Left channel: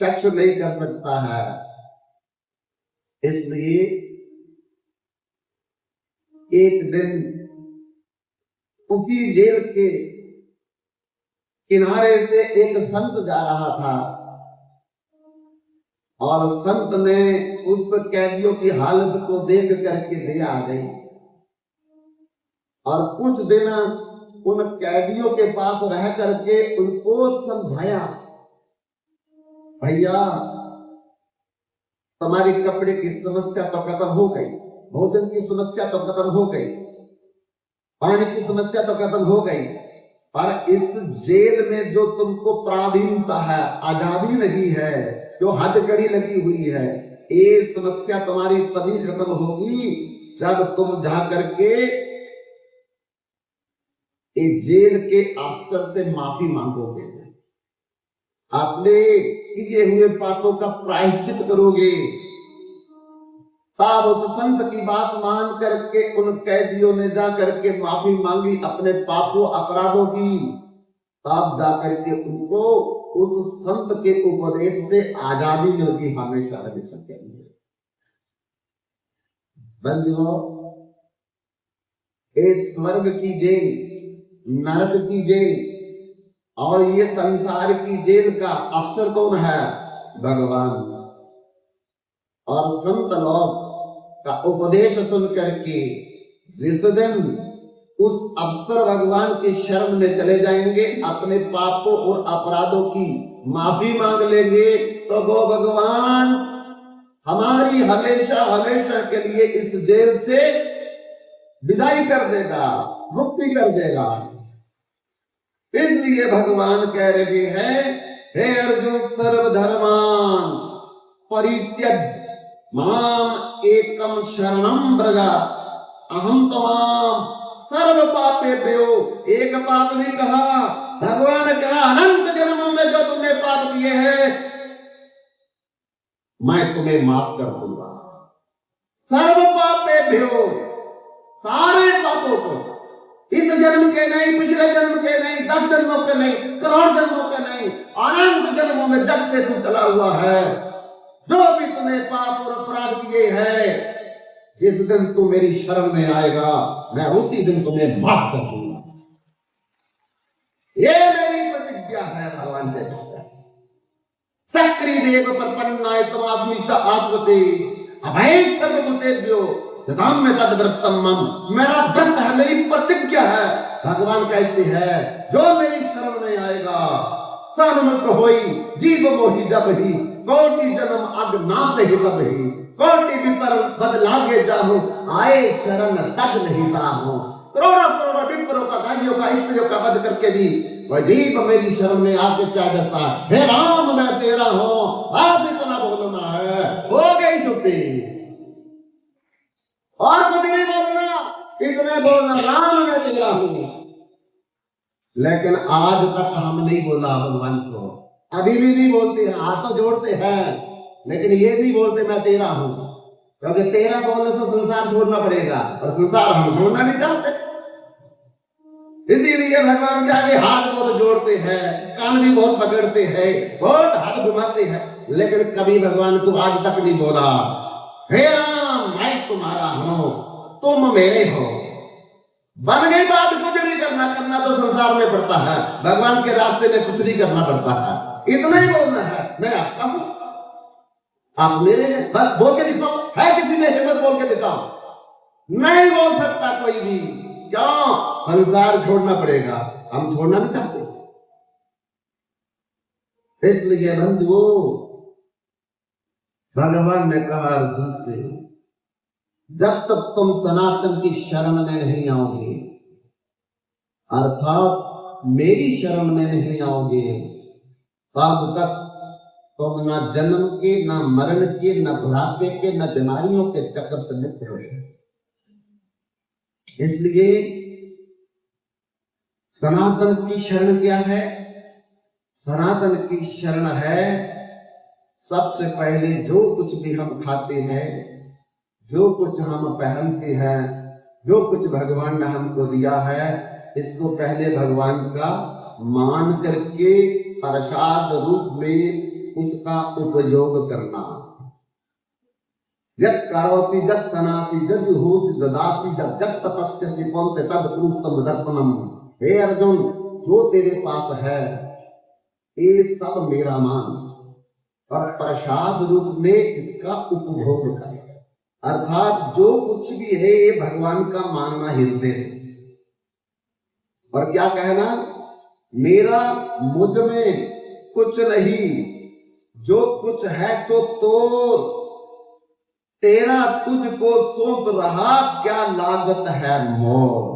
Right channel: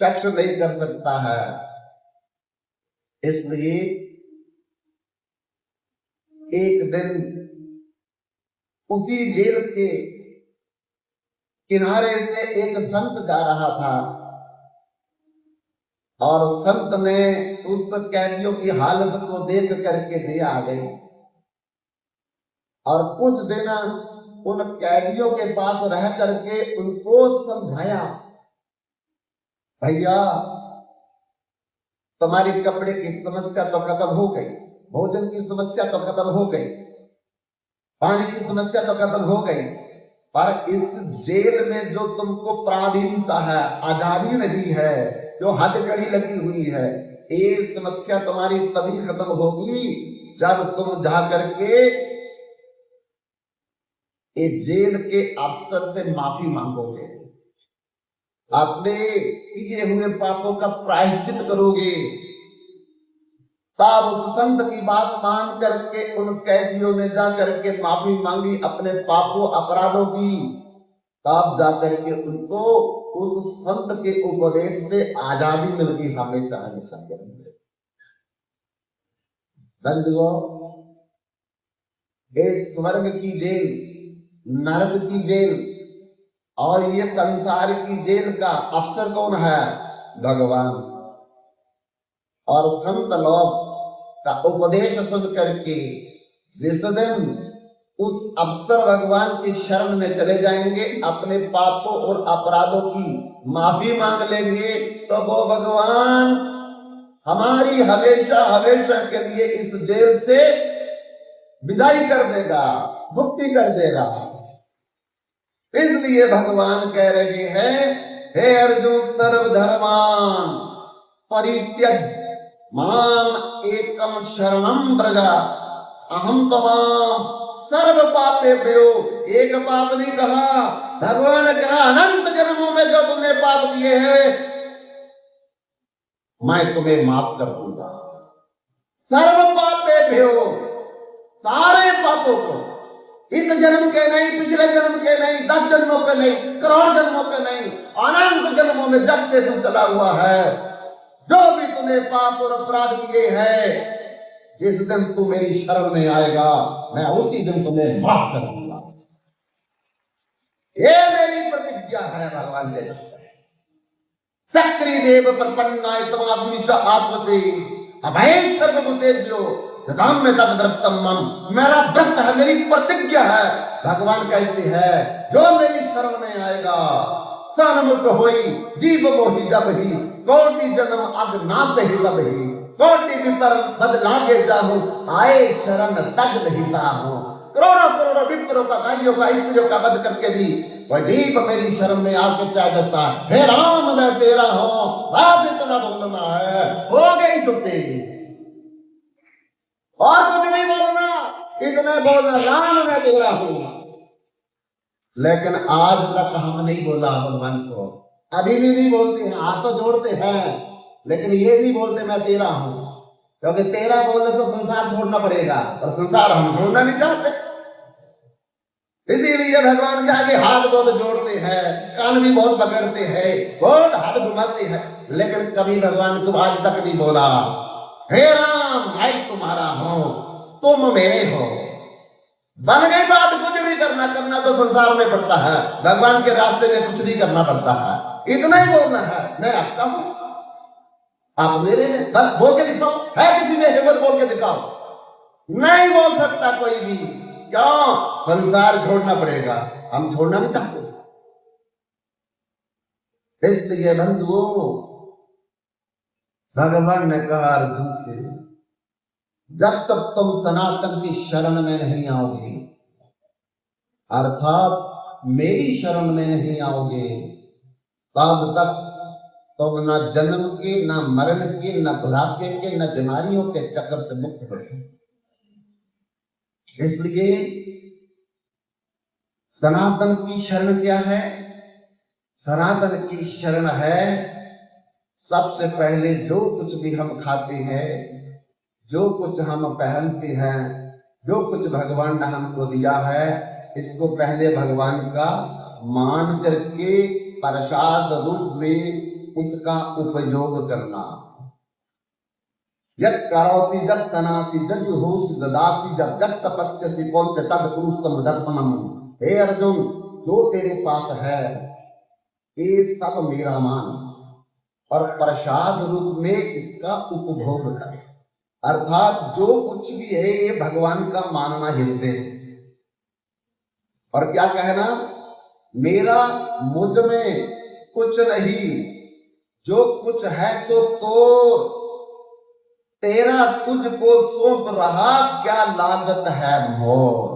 शख्स नहीं कर सकता है। इसलिए एक दिन उसी जेल के किनारे से एक संत जा रहा था और संत ने उस कैदियों की हालत को देख करके दया आ गई और कुछ दिन उन कैदियों के पास रह करके उनको समझाया, भैया तुम्हारी कपड़े की समस्या तो खत्म हो गई, भोजन की समस्या तो खत्म हो गई, पानी की समस्या तो खत्म हो गई, पर इस जेल में जो तुमको पराधीनता है, आजादी नहीं है, जो हथकड़ी लगी हुई है, ये समस्या तुम्हारी तभी खत्म होगी जब तुम जा करके ये जेल के अफसर से माफी मांगोगे, अपने किए हुए पापों का प्रायश्चित करोगे। तब उस संत की बात मान करके उन कैदियों ने जा करके माफी मांगी अपने पापों अपराधों की। तब जाकर के उनको उस संत के उपदेश से आजादी मिल गई हमेशा हमेशा के लिए। बंधुओं, ये स्वर्ग की जेल, नरक की जेल और ये संसार की जेल का अफसर कौन है? भगवान। और संत लोग का उपदेश सुन करके जिस दिन उस अफसर भगवान की शरण में चले जाएंगे, अपने पापों और अपराधों की माफी मांग लेंगे, तो वो भगवान हमारी हमेशा हमेशा के लिए इस जेल से विदाई कर देगा, मुक्ति कर देगा। इसलिए भगवान कह रहे हैं, हे अर्जुन सर्वधर्मान परित्यज माम एकम शरणम व्रज अहम त्वाम सर्व पापेभ्यो। एक पाप नहीं कहा, भगवान ने कहा अनंत जन्मों में जो तुमने पाप किए हैं मैं तुम्हें माफ कर दूंगा। सर्व पापेभ्यो, सारे पापों को, इस जन्म के नहीं, पिछले जन्म के नहीं, 10 जन्मों के नहीं, करोड़ जन्मों के नहीं, अनंत जन्मों में जब से तू चला हुआ है, जो भी तूने पाप और अपराध किए हैं, जिस दिन तू मेरी शरण में आएगा मैं उसी दिन तुम्हें माफ कर दूंगा। ये मेरी प्रतिज्ञा है। भगवान ने सक्री देव प्रपन्नाय तमात्मी च आत्मते अभय सर्वभूतेभ्यो ददाम में तद्व्रतम मम। मेरा व्रत है, मेरी प्रतिज्ञा है। भगवान कहते हैं जो मेरी शरण में आएगा सन्मुख होई जीव मोहि जब ही कोटि जन्म अग नाश ही बद ही कोटि विपर बदलागे जाहूं आए शरण तक नहीं ताहूं। करोड़ों करोड़ों विप्रों का, गालियों का, स्त्रियों का वध करके भी वह जीव मेरी शरण में आके क्या करता है, हे राम मैं तेरा हूं, आप इतना बोलना है, हो गई छुट्टी, और कुछ नहीं बोलना, इतना बोलना राम मैं तेरा हूं। लेकिन आज तक हम नहीं बोला भगवान को, अभी भी नहीं बोलते हैं, हाथ तो जोड़ते हैं लेकिन ये नहीं बोलते मैं तेरा हूं, क्योंकि तेरा बोलने से संसार छोड़ना पड़ेगा और संसार हम छोड़ना नहीं चाहते। इसीलिए भगवान के आगे हाथ बहुत जोड़ते हैं, कान भी बहुत पकड़ते हैं, बहुत हाथ घुमाते हैं, लेकिन कभी भगवान तू आज तक नहीं बोला हे राम मैं तुम्हारा हूं, तुम मेरे हो। बन गई बात, कुछ नहीं करना, करना तो संसार में पड़ता है, भगवान के रास्ते में कुछ नहीं करना पड़ता है, इतना ही बोलना है मैं आपका हूं, आप मेरे हैं, बस बोल के दिखाओ। है किसी में हिम्मत बोल के दिखाओ? नहीं बोल सकता कोई भी। क्यों? संसार छोड़ना पड़ेगा, हम छोड़ना नहीं चाहते। इसलिए बंधुओं भगवान ने कहा अर्जुन से, जब तक तुम सनातन की शरण में नहीं आओगे, अर्थात मेरी शरण में नहीं आओगे, तब तक तुम न जन्म के, न मरण के, न बुढ़ापे के, न बीमारियों के चक्कर से मुक्त हो सकते। इसलिए सनातन की शरण क्या है? सनातन की शरण है सबसे पहले जो कुछ भी हम खाते हैं, जो कुछ हम पहनते हैं, जो कुछ भगवान ने हमको दिया है, इसको पहले भगवान का मान करके प्रसाद रूप में उसका उपयोग करना। यत् करोसि जत् सनासि जज होसि ददासि जब जब तपस्यसि कौन्ते तद पुरुषम दर्पणम। हे अर्जुन, जो तेरे पास है ये सब मेरा मान और प्रसाद रूप में इसका उपभोग कर। अर्थात जो कुछ भी है ये भगवान का मानना हृदय से। और क्या कहना, मेरा मुझ में कुछ नहीं, जो कुछ है सो तो तेरा तुझको सौंप रहा, क्या लागत है मोर।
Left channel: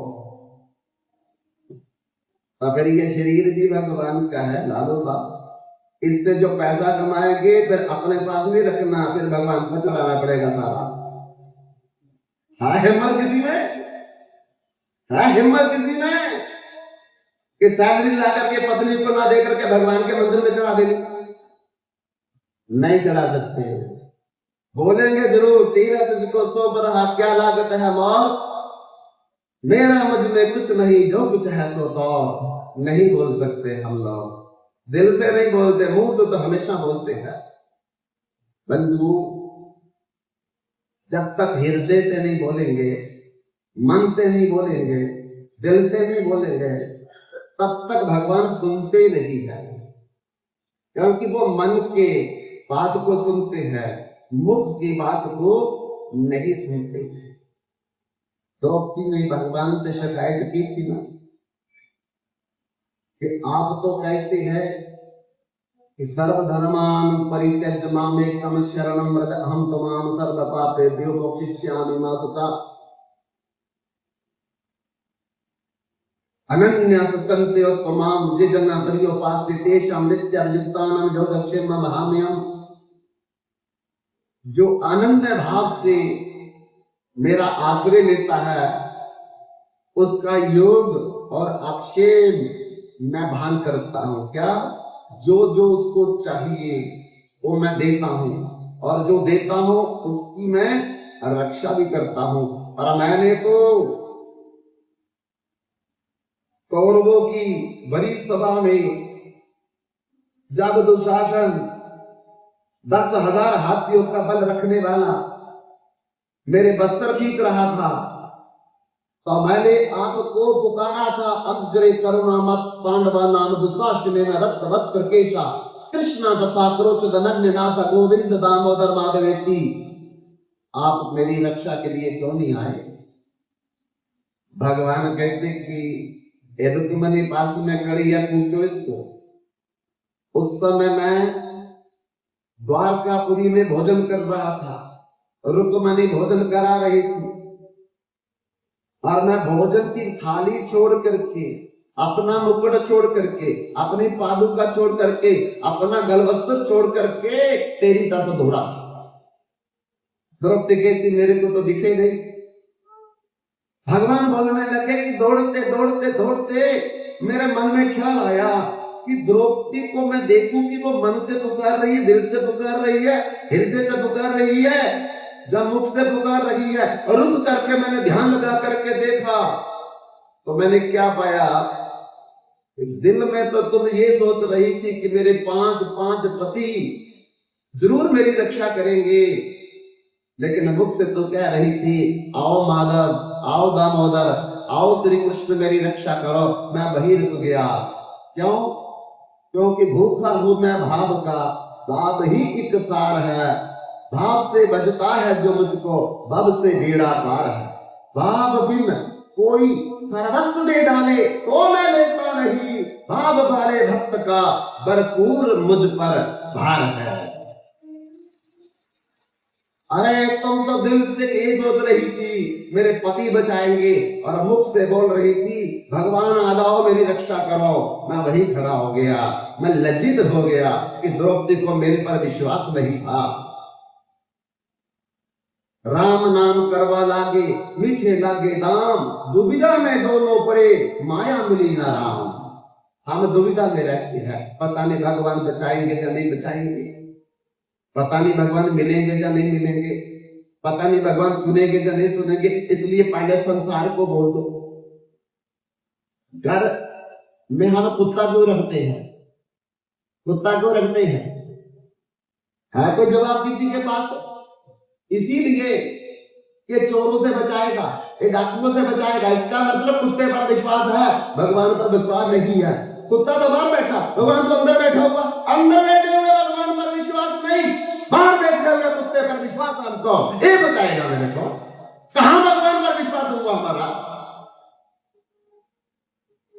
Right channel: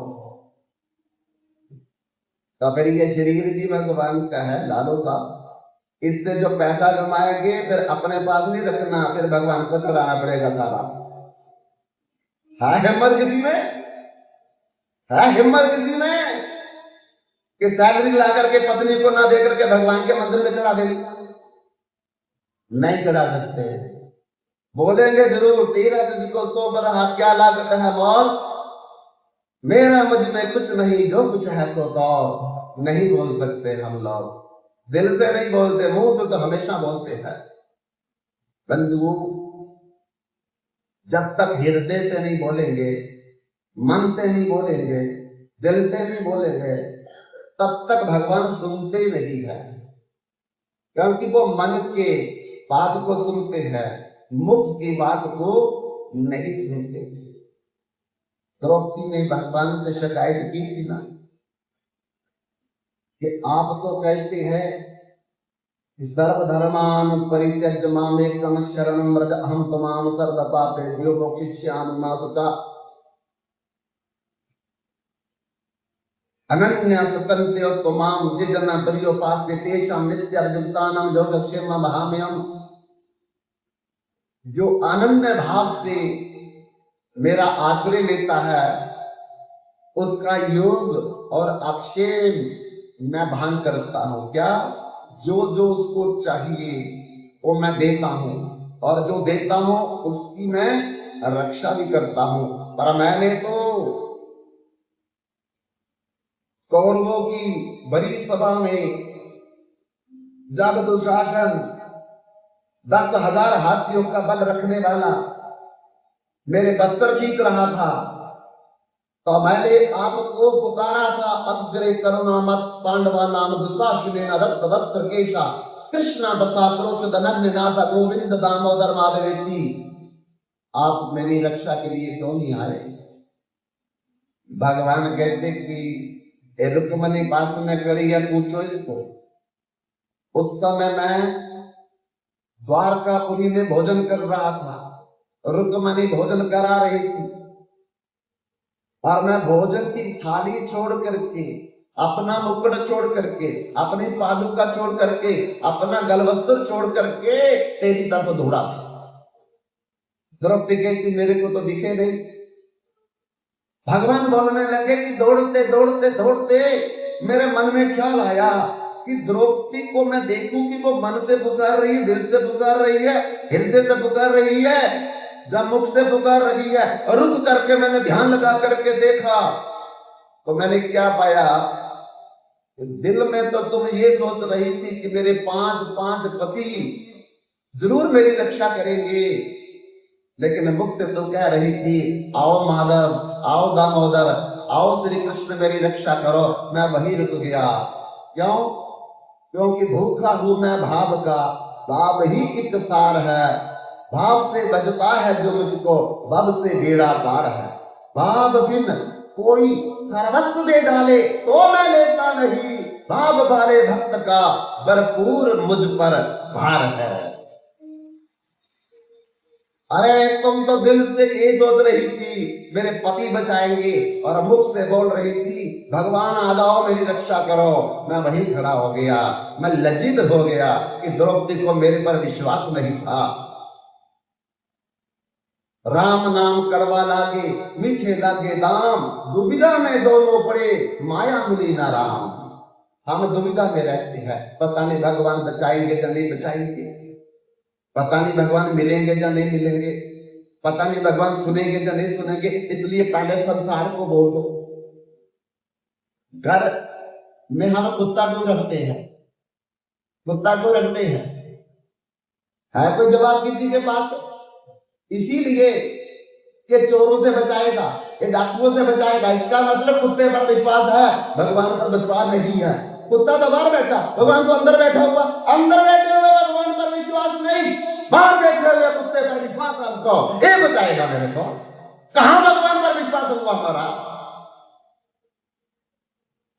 तो फिर ये शरीर भी भगवान का है लालो साहब, इससे जो पैसा कमाएंगे फिर अपने पास नहीं रखना, फिर भगवान को चलाना पड़ेगा सारा। है हिम्मत किसी में? है हिम्मत किसी में कि सैलरी ला करके पत्नी को ना दे करके भगवान के मंदिर में चढ़ा देगी? नहीं चढ़ा सकते। बोलेंगे जरूर, तेरा तुझको सौंप रहा, क्या लागत है मोर। मेरा मुझ में कुछ नहीं, जो कुछ है सो तो। नहीं बोल सकते हम लोग, दिल से नहीं बोलते, मुंह से तो हमेशा बोलते हैं। बंधु, जब तक हृदय से नहीं बोलेंगे, मन से नहीं बोलेंगे, दिल से नहीं बोलेंगे, तब तक भगवान सुनते नहीं है। क्योंकि वो मन के बात को सुनते हैं, मुख की बात को नहीं सुनते। द्रौपदी ने भगवान से शिकायत की थी ना कि आप तो कहते हैं कि सर्वधर्मान परित्यज्य मामेकम शरणं व्रज अहं त्वां सर्व पापेभ्यो मोक्षयिष्यामि मा शुचा। अनन्यास सन्तो त्वां ये जना पर्योपास्य तेषां नित्याभियुक्तानां योगक्षेमं वहाम्यहम्। जो अनन्य भाव से मेरा आश्रय लेता है उसका योग और अक्षेम मैं भान करता हूं। क्या? जो जो उसको चाहिए वो मैं देता हूं, और जो देता हूं उसकी मैं रक्षा भी करता हूं। पर मैंने तो कौरवों की बड़ी सभा में जब दुशासन 10,000 हाथियों का बल रखने वाला मेरे बस्तर खींच रहा था, तो मैंने आपको पुकारा था, अग्रे करुणा मत पांडवा नाम दुशासनेन रक्त वस्त्र केशा कृष्णा तथा क्रोश धनन्य नाथ गोविंद दामोदर माधवेति। आप मेरी रक्षा के लिए क्यों नहीं आए? भगवान कहते कि रुक्मणी पास में खड़ी है, पूछो इसको। उस समय मैं द्वारकापुरी में भोजन कर रहा था, रुक्मणी भोजन करा रही थी, और मैं भोजन की थाली छोड़ करके, अपना मुकुट छोड़ करके, अपनी पादुका छोड़ करके, अपना गलवस्त्र छोड़ करके तेरी तरफ दौड़ा। द्रौपदी कहती मेरे को तो दिखे नहीं। भगवान बोलने लगे कि दौड़ते दौड़ते दौड़ते मेरे मन में ख्याल आया कि द्रौपदी को मैं देखूं कि वो मन से पुकार रही है, दिल से पुकार रही है, हृदय से पुकार रही है, जब मुख से पुकार रही है। रुक करके मैंने ध्यान लगा करके देखा तो मैंने क्या पाया, दिल में तो तुम ये सोच रही थी कि मेरे 5 पति जरूर मेरी रक्षा करेंगे, लेकिन मुख से तो कह रही थी आओ माधव, आओ दामोदर, आओ श्री कृष्ण मेरी रक्षा करो। मैं वही रुक गया। क्यों? क्योंकि भूखा हूं मैं भाव का, भाव ही एक सार है। भाव से बजता है जो मुझको, भव से बेड़ा पार है। भाव बिन कोई सर्वस्व दे डाले तो मैं लेता नहीं, भाव वाले भक्त का भरपूर मुझ पर भार है। अरे तुम तो दिल से ये सोच रही थी मेरे पति बचाएंगे, और मुख से बोल रही थी भगवान आ जाओ मेरी रक्षा करो। मैं वहीं खड़ा हो गया, मैं लज्जित हो गया कि द्रौपदी को मेरे पर विश्वास नहीं था। राम नाम कड़वा लागे मीठे लागे दाम, दुविधा में दोनों पड़े माया मिली ना राम। हम दुविधा में रहते हैं, पता नहीं भगवान बचाएंगे या नहीं बचाएंगे, पता नहीं भगवान मिलेंगे या नहीं मिलेंगे, पता नहीं भगवान सुनेंगे या नहीं सुनेंगे। इसलिए पहले संसार को बोल दो। घर में हम कुत्ता क्यों रखते हैं? कुत्ता क्यों रखते हैं? है कोई जवाब किसी के पास? इसीलिए ये चोरों से बचाएगा, ये डाकुओं से बचाएगा, इसका मतलब कुत्ते पर विश्वास है, भगवान पर विश्वास नहीं है। कुत्ता तो बाहर बैठा, भगवान तो अंदर बैठा हुआ, अंदर बैठे हुए भगवान पर विश्वास नहीं, बाहर बैठे हुए कुत्ते पर विश्वास है हमको, ये बचाएगा मेरे को। कहां भगवान पर विश्वास हुआ हमारा?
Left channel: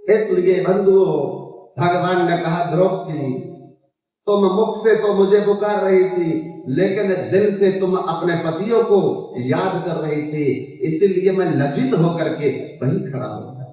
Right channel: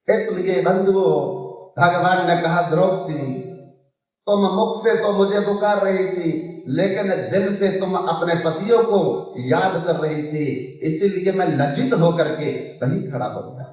इसलिए बंधुओं, भगवान ने कहा द्रौपदी तुम मुख से तो मुझे पुकार रही थी, लेकिन दिल से तुम अपने पतियों को याद कर रही थी, इसीलिए मैं लज्जित होकर के वहीं खड़ा हो गया।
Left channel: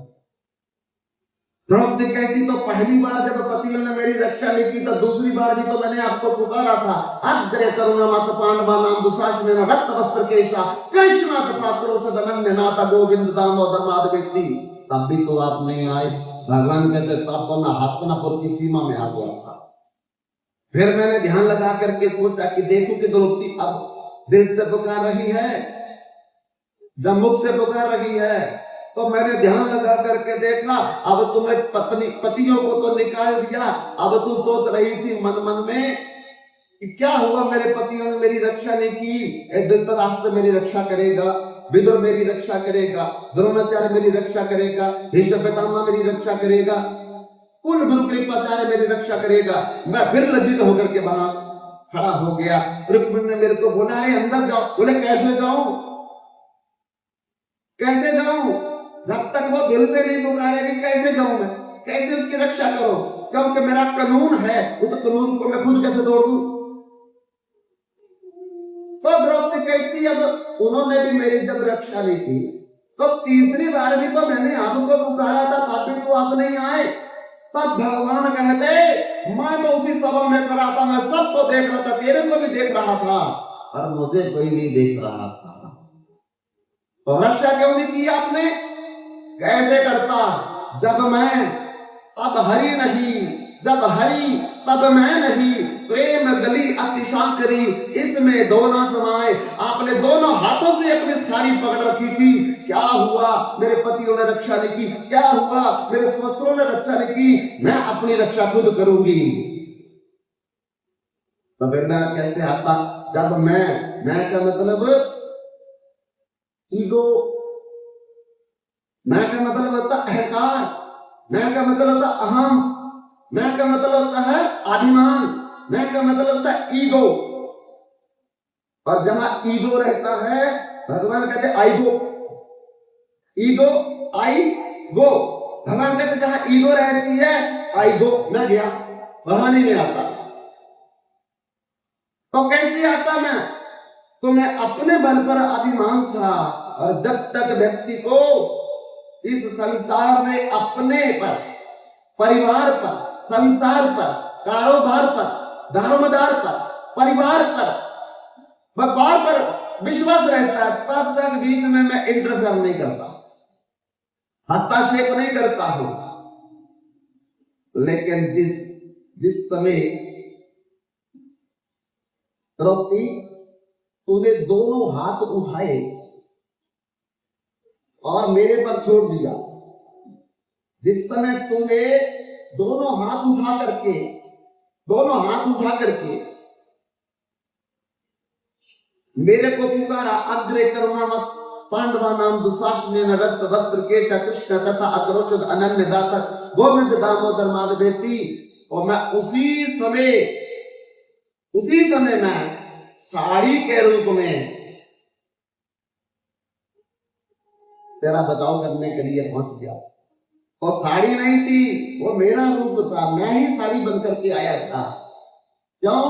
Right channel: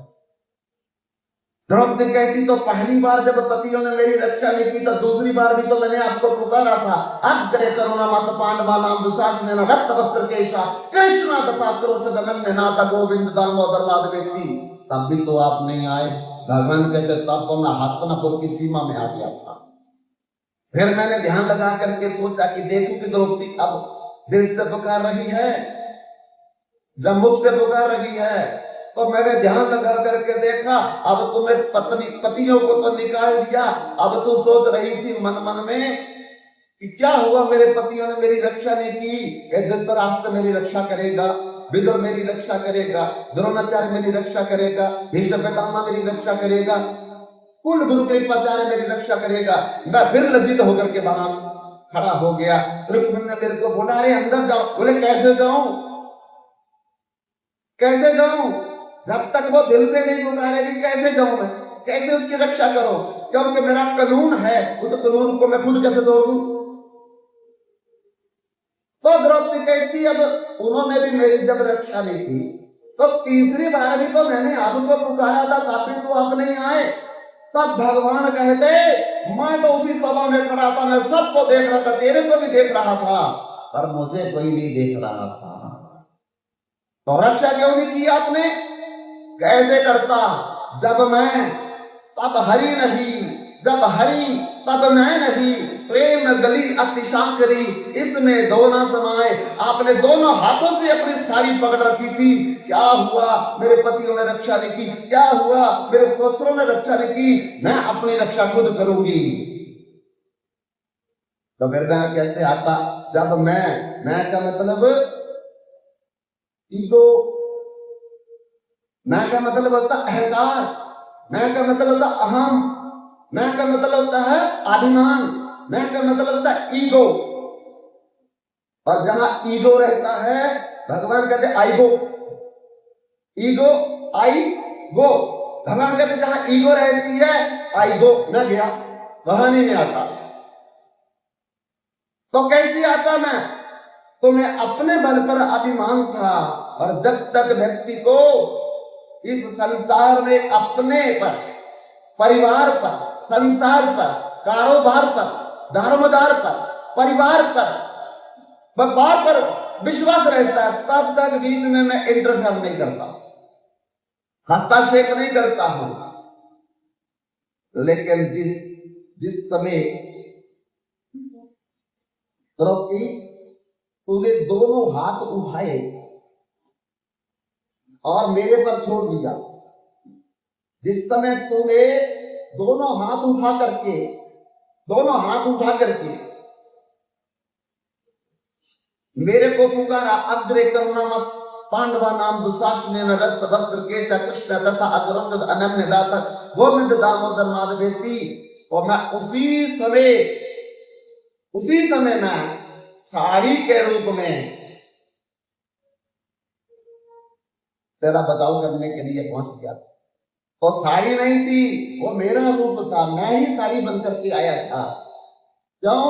द्रौपदी कहती तो पहली बार जब पतियों ने मेरी रक्षा नहीं की, तो दूसरी बार भी तो मैंने आपको पुकारा था, अग्रे करुणा मत पांडवा नाम दुशासन रक्त वस्त्र केशा कृष्णा तथा क्रोध दमन नाथ गोविंद दामोदर माधवेती, तब भी तो आप नहीं आए। भगवान कहते तब तो मैं हस्तनापुर की सीमा में आ गया था। फिर मैंने ध्यान लगा करके सोचा कि देखूं कि द्रौपदी अब दिल से पुकार रही है, जब मुख से पुकार रही है, तो मैंने ध्यान लगा करके देखा, अब तुम्हें पतियों को तो निकाल दिया, अब तू सोच रही थी मन मन में कि क्या हुआ, मेरे पतियों ने मेरी रक्षा नहीं की, धृतराष्ट्र मेरी रक्षा करेगा, विदुर मेरी रक्षा करेगा, द्रोणाचार्य मेरी रक्षा करेगा, भीष्म पितामह मेरी रक्षा करेगा, कुल गुरु कृपाचार्य मेरी रक्षा करेगा। मैं फिर लज्जित होकर के वहां खड़ा हो गया। रुक्मिणी ने मेरे को बोला अरे अंदर जाओ। बोले कैसे जाऊं, कैसे जाऊं, जब तक वो दिल से नहीं पुकारेगी कैसे जाऊं मैं, कैसे उसकी रक्षा करूं, क्योंकि मेरा कानून है, उस कानून को मैं खुद कैसे तोड़ूं। तो द्रौपदी कहती अब उन्होंने भी मेरी जब रक्षा नहीं की, तो तीसरी बार भी तो मैंने आपको पुकारा था, तब भी तो आप नहीं आए। तब भगवान कहते मैं तो उसी सभा में खड़ा था, मैं सबको देख रहा था, तेरे को भी देख रहा था, पर मुझे कोई नहीं देख रहा था। तो रक्षा क्यों नहीं की आपने? कैसे करता, जब मैं तब हरि नहीं, जब हरि तब मैं नहीं, प्रेम गली अतिशाम करी, इसमें दोनों समाए। आपने दोनों हाथों से अपनी साड़ी पकड़ रखी थी, क्या हुआ मेरे पतियों ने रक्षा नहीं की, क्या हुआ मेरे ससुरों ने रक्षा नहीं की, मैं अपनी रक्षा खुद करूंगी। तो फिर मैं कैसे आता, जब मैं का मतलब ईगो, मैं का मतलब होता अहंकार, मैं का मतलब होता अहम, मैं का मतलब होता है अभिमान, मैं का मतलब होता है ईगो। और जहां ईगो रहता है, भगवान कहते आई गो, ईगो आई गो, भगवान कहते जहां ईगो रहती है आई गो, मैं गया, वहां नहीं आता। तो कैसे आता मैं? तो मैं अपने बल पर अभिमान था, और जब तक व्यक्ति को इस संसार में अपने पर, परिवार पर, संसार पर, कारोबार पर, धर्मदार पर, परिवार पर, व्यापार पर विश्वास रहता है, तब तक बीच में मैं इंटरफेयर नहीं करता, हस्तक्षेप नहीं करता हूं। लेकिन जिस समय द्रौपदी तूने दोनों हाथ उठाए और मेरे पर छोड़ दिया, जिस समय तूने दोनों हाथ उठा करके मेरे को पुकारा, अग्रे करुणा मत पांडवा नाम दुशासन रक्त वस्त्र केशा कृष्ण तथा अग्रोषद अनन्य दाता गोविंद दामोदर माधवेती, और मैं उसी समय मैं साड़ी के रूप में तेरा बचाव करने के लिए पहुंच गया। वो साड़ी नहीं थी, वो मेरा रूप था, मैं ही साड़ी बनकर के आया था। क्यों?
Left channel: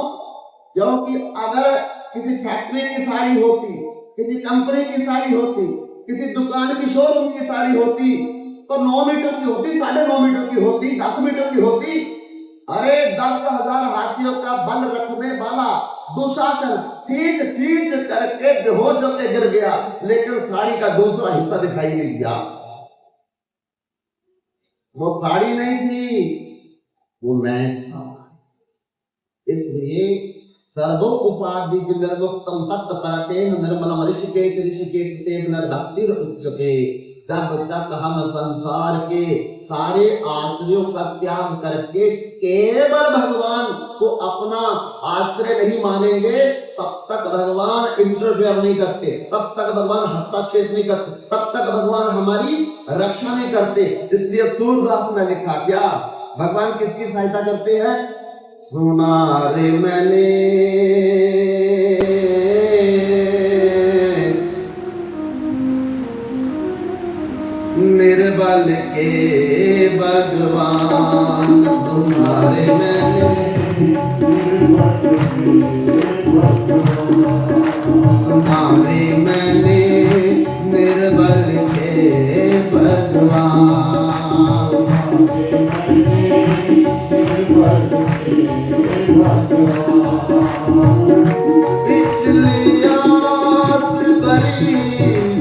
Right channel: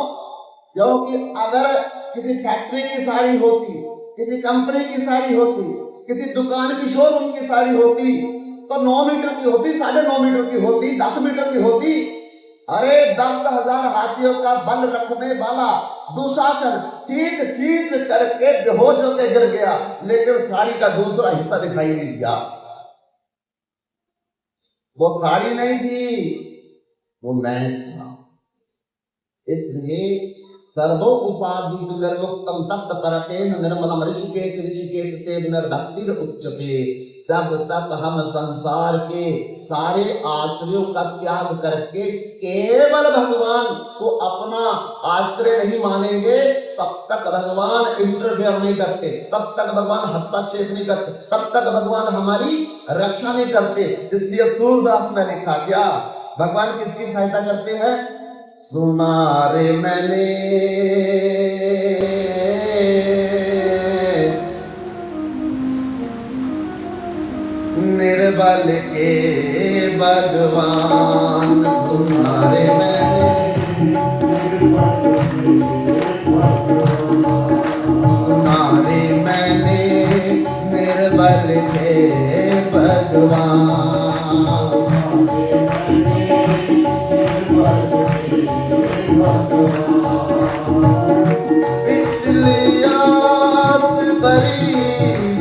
क्योंकि अगर किसी फैक्ट्री की साड़ी होती, किसी कंपनी की साड़ी होती, किसी दुकान की शोरूम की साड़ी होती, तो 9 मीटर की होती, 9.5 मीटर की होती, 10 मीटर की होती। अरे 10,000 हाथियों का बल रखने वाला दुशासन खींच करके बेहोश होकर गिर गया, लेकिन साड़ी का दूसरा हिस्सा दिखाई नहीं दिया। वो साड़ी नहीं थी, वो मैं था। इसलिए सर्वो उपाधि निर्मुक्तम तत्परतेन निर्मलम ऋषिकेश सेव निर्भक्तिर उच्यते। जब तक हम संसार के सारे आश्रयों का त्याग करके केवल भगवान को अपना आश्रय नहीं मानेंगे, तब तक भगवान इंटरफेयर नहीं करते, तब तक भगवान हस्तक्षेप नहीं करते, तब तक भगवान हमारी रक्षा नहीं करते। इसलिए सूरदास ने लिखा क्या, भगवान किसकी सहायता करते हैं? सुना रे मैंने निर्बल के भगवान, सुना रे मैंने सुना रे मैंने निर्बल के भगवान। पिछली आस भरी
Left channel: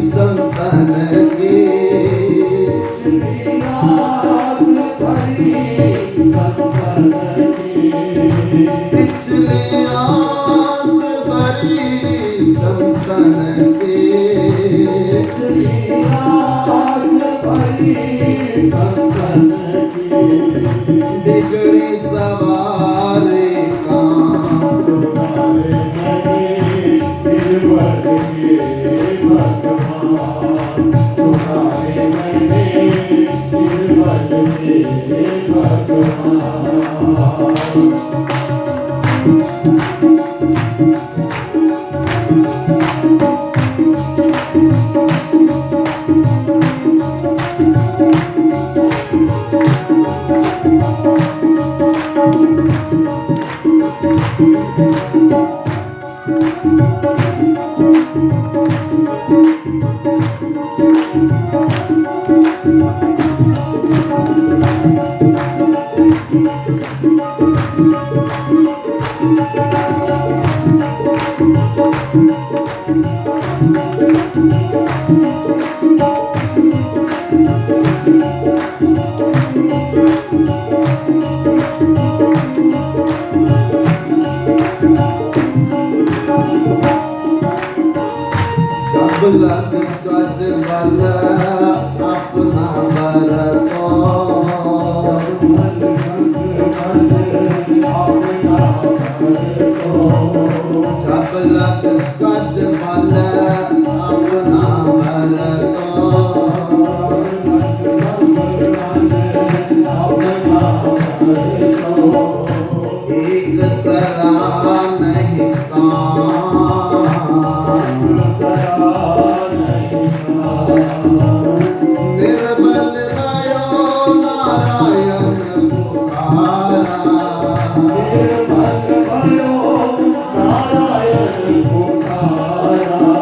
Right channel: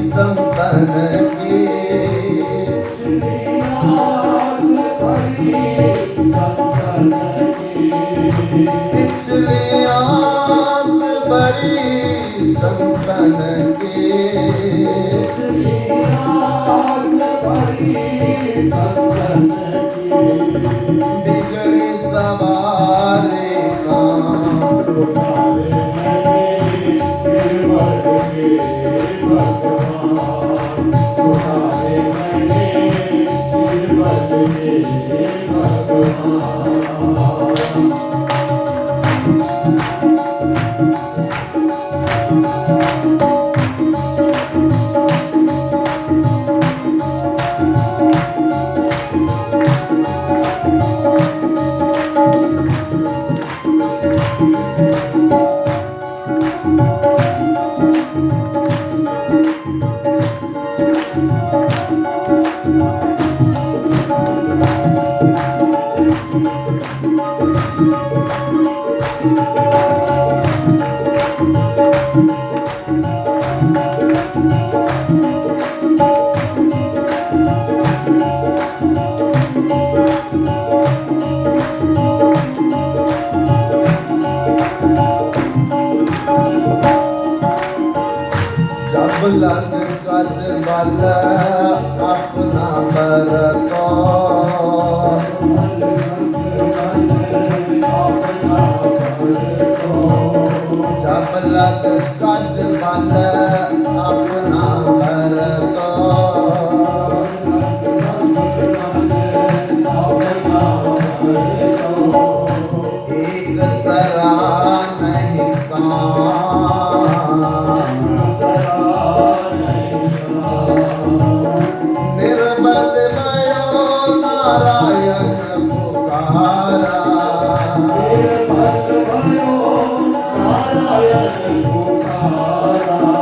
संतन की, पिछली आस भरी संतन की, बिगड़ी सवारी लग गज बल अपना बरतो, जब लग गज बल अपना बरतो, एक सरा नहीं निर्बल भयो नारायण पुकारा, निर्बल भयो नारायण पुकारा,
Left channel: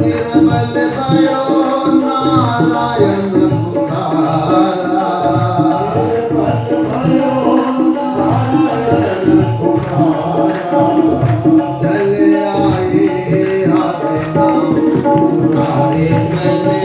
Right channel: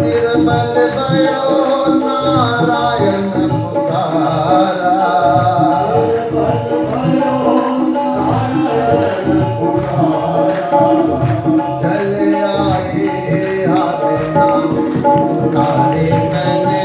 निर्बल भयो नारायण पुकारा, निर्बल भयो नारायण पुकारा। चले आए हाथे नाम सुनारे मैंने,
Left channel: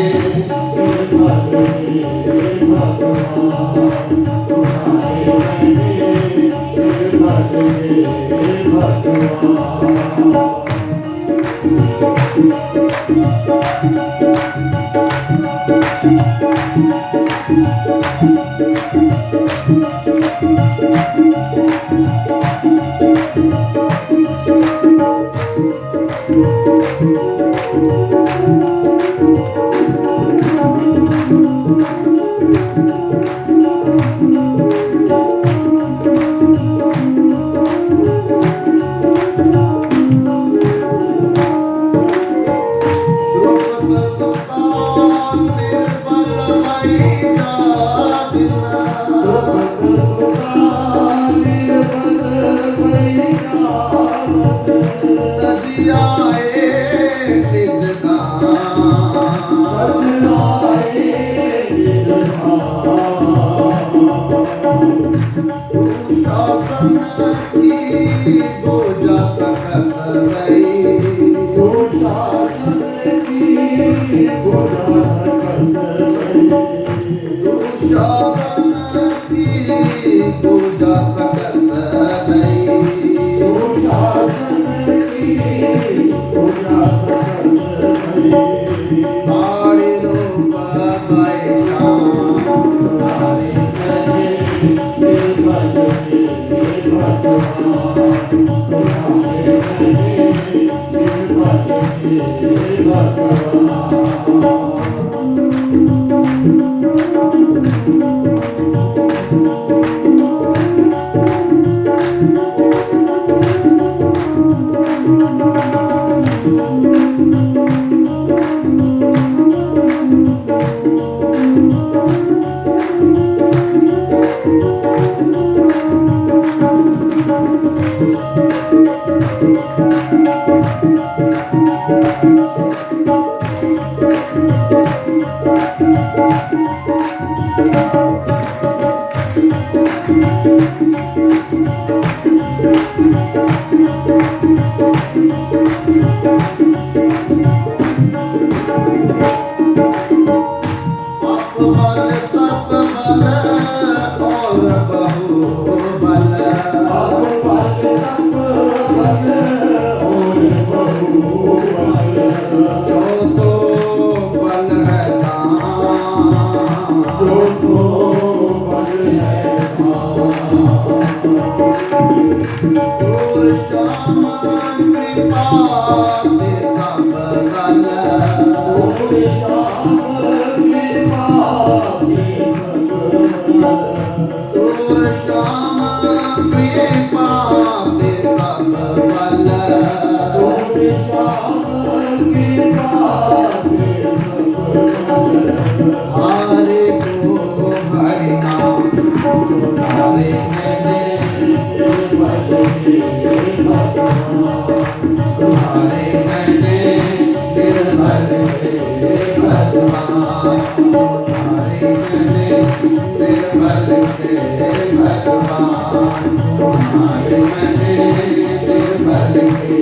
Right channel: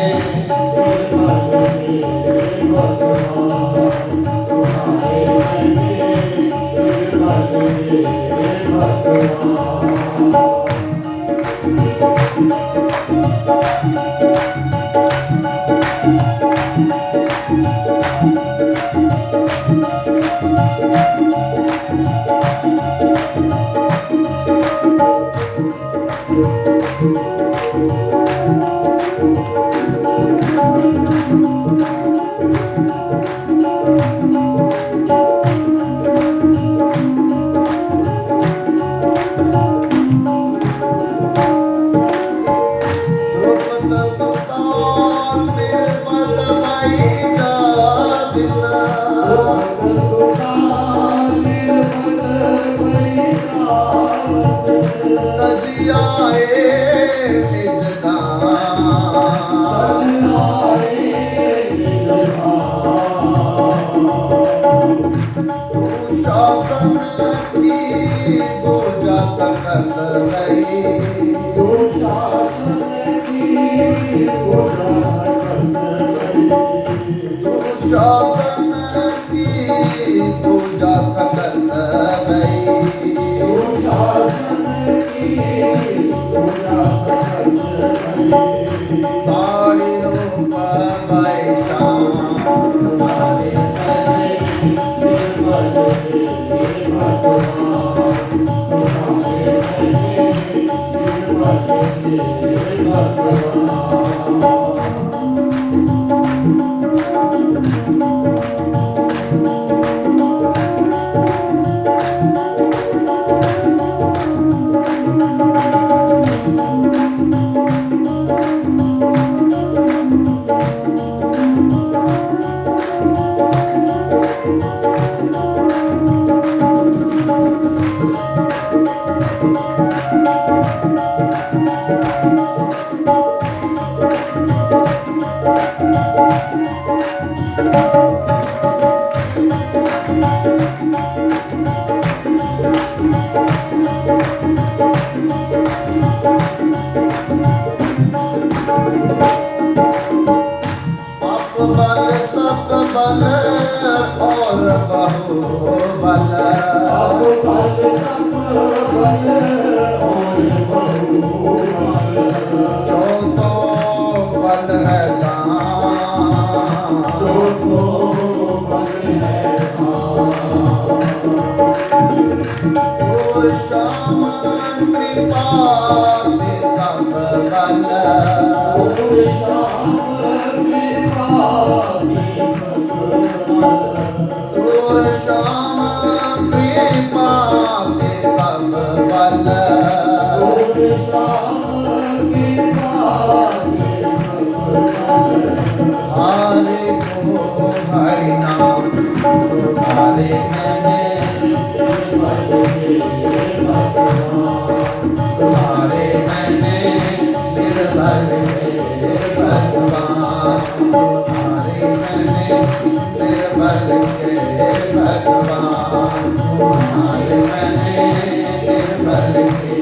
साड़ी जो तो बल है दान, जो तो बल है सूर श्याम कृपा ते सब बल, सूर श्याम कृपा ते सब बल, सूर श्याम कृपा ते सब बल, सूर श्याम कृपा ते सब बल। हरे को हरि नाम हरे मैंने तुम्हारे मैंने निर्भर थे भगवान, तुम्हारे मैंने निर्भर थे भगवान, तुम्हारे मैंने निर्भर थे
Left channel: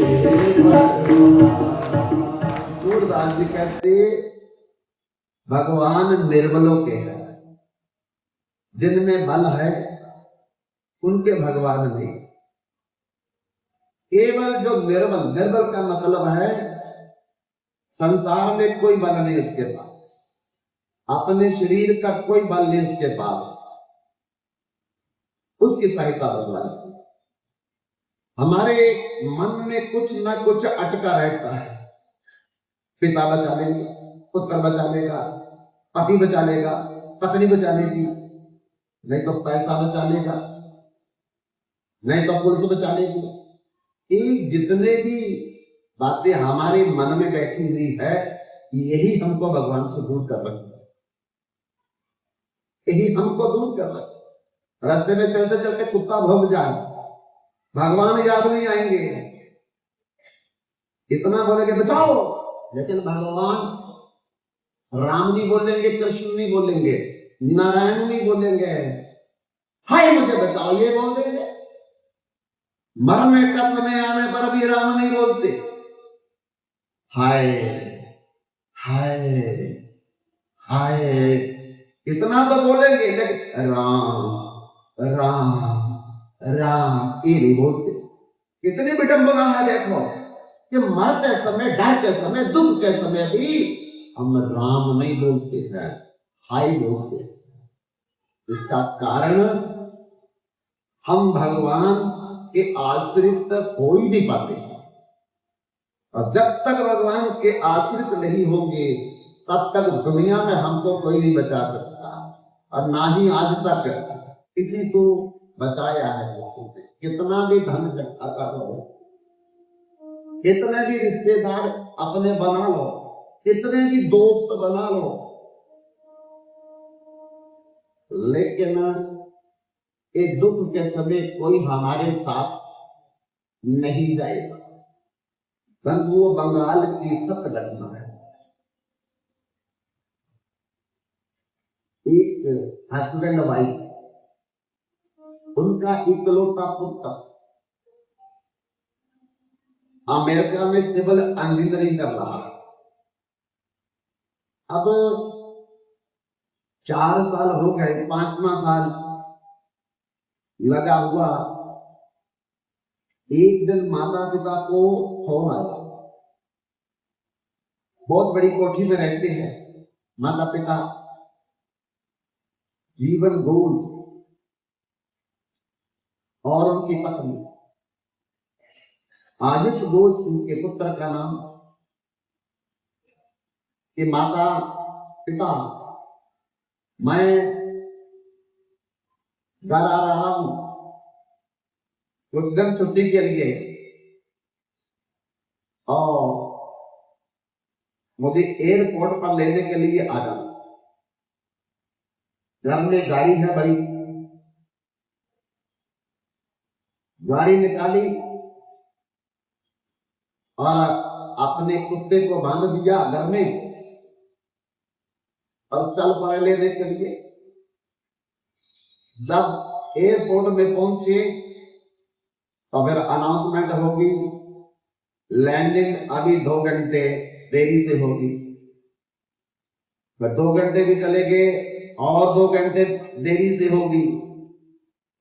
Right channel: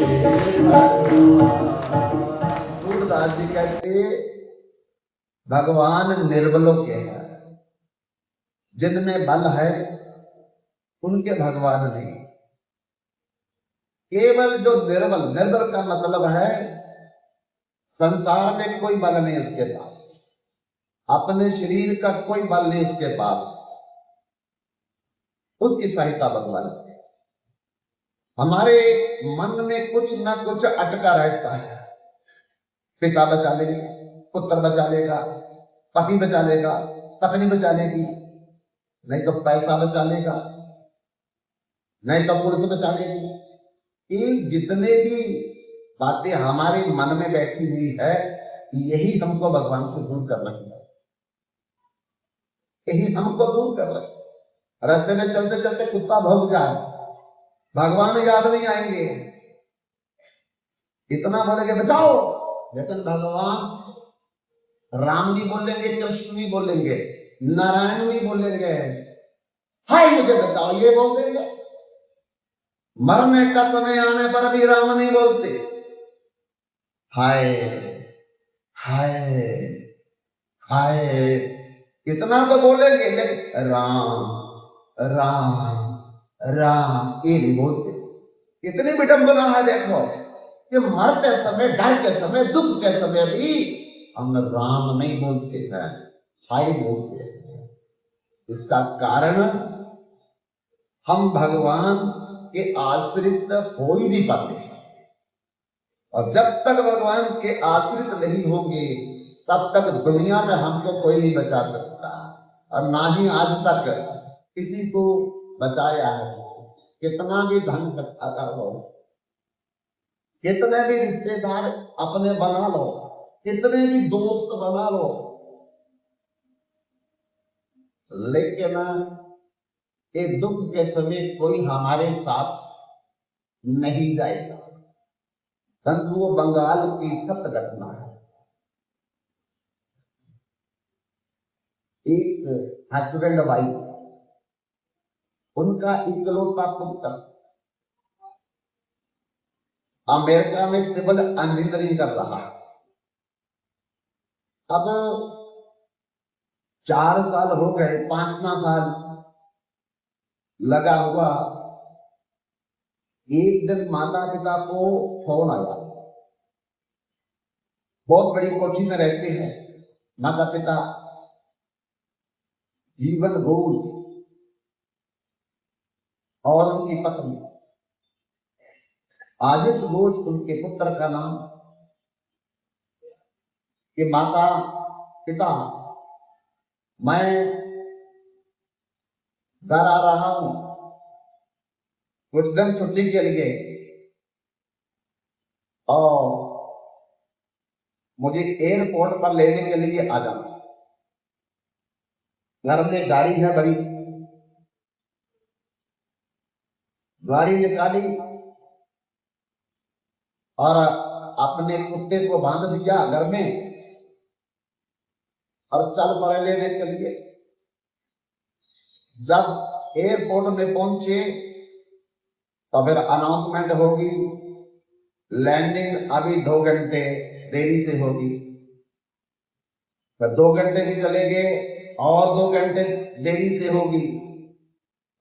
भगवान। सूरदास जी कहते भगवान निर्बलों के हैं, जिनमें बल है उनके भगवान नहीं। केवल जो निर्बल, निर्बल का मतलब है संसार में कोई बल नहीं उसके पास, अपने शरीर का कोई बल नहीं उसके पास, उसकी सहायता भगवान की। हमारे मन में कुछ न कुछ अटका रहता है, पिता बचा लेंगे, पुत्र बचा लेगा, पति बचा लेगा, पत्नी बचा लेगी, नहीं तो पैसा बचा लेगा, नहीं तो पुलिस बचा लेगी। ये जितने भी बातें हमारे मन में बैठी हुई है, यही हमको भगवान से दूर कर रही है, यही हमको दूर कर रही है। रास्ते में चलते चलते कुत्ता भौंक जाए, भगवान याद नहीं आएंगे, इतना बोलेंगे बचाओ, लेकिन भगवान राम नहीं बोलेंगे, कृष्ण नहीं बोलेंगे, नारायण नहीं बोलेंगे, हाय मुझे बचाओ ये बोल देंगे। मरने का समय आने पर भी राम नहीं बोलते, हाय हाय हाय इतना तो बोलेंगे, लेकिन राम राम राम ये नहीं बोलते। कितनी विडंबना है देखो कि मरते समय, डर के समय, दुख के समय भी हम राम नहीं बोलते हैं, हाय बोलते हैं। इसका कारण हम भगवान के आश्रित हो ही नहीं पाते, और जब तक भगवान के आश्रित नहीं होंगे तब तक दुनिया में हमको कोई नहीं बचा सकता, और ना ही आज तक किसी को बचाया है। किसी ने कितना भी धन इकट्ठा कर लो, कितने भी रिश्तेदार अपने बना लो, कितने भी दोस्त बना लो, लेकिन ये दुख के समय कोई हमारे साथ नहीं जाएगा। बंधुओं, बंगाल की सत्य घटना है। एक हस्बैंड वाइफ, उनका इकलौता पुत्र अमेरिका में सिविल इंजीनियरिंग कर रहा है। अब 4 साल हो गए, 5वां साल लगा हुआ। एक दिन माता पिता को फोन आया, बहुत बड़ी कोठी में रहते हैं माता पिता, जीवन घोष और उनकी पत्नी। आदिश घोष उनके पुत्र का नाम, कि माता पिता मैं घर आ रहा हूं कुछ दिन छुट्टी के लिए, और मुझे एयरपोर्ट पर लेने के लिए आ जाना। घर में गाड़ी है बड़ी, गाड़ी निकाली और अपने कुत्ते को बांध दिया घर में और चल पड़े लेने के लिए। जब एयरपोर्ट में पहुंचे तो फिर अनाउंसमेंट होगी, लैंडिंग अभी 2 घंटे देरी से होगी। फिर 2 घंटे भी चले गए और 2 घंटे देरी से होगी,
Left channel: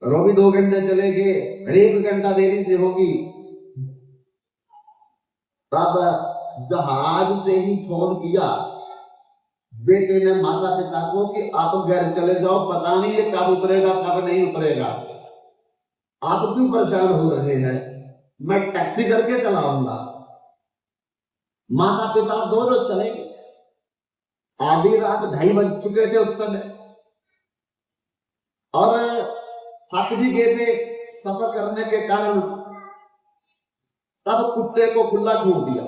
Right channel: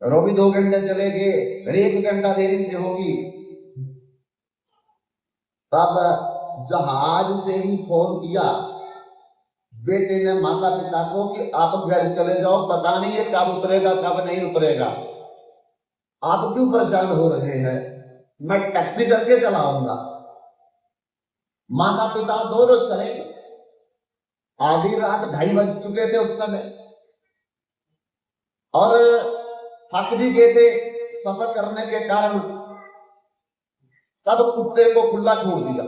और भी 2 घंटे चले गए, फिर 1 घंटा देरी से होगी। तब जहाज से ही फोन किया बेटे ने माता पिता को कि आप घर चले जाओ, पता नहीं है कब उतरेगा कब नहीं उतरेगा, आप क्यों परेशान हो रहे हैं, मैं टैक्सी करके चलाऊंगा। माता पिता दोनों चले। आधी रात 2:30 बज चुके थे उस समय, और थक भी गए थे सफर करने के कारण। तब कुत्ते को खुला छोड़ दिया।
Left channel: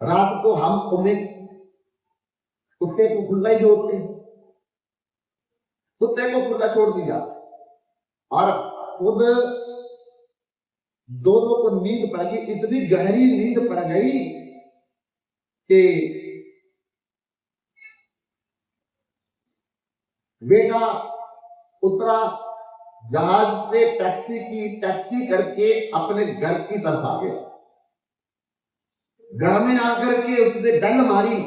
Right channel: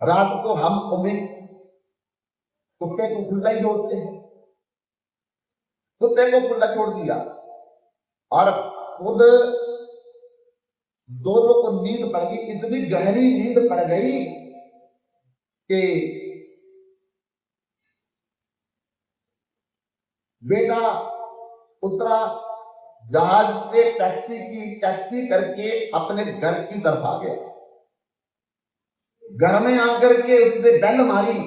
रात को हम उम्मीद कुत्ते को खुला ही छोड़ते हैं, कुत्ते को खुला छोड़ दिया और खुद दोनों को नींद पड़ गई, इतनी गहरी नींद पड़ गई कि बेटा उतरा जहाज से, टैक्सी करके अपने घर की तरफ आ गया। घर में आकर के उसने डंड मारी,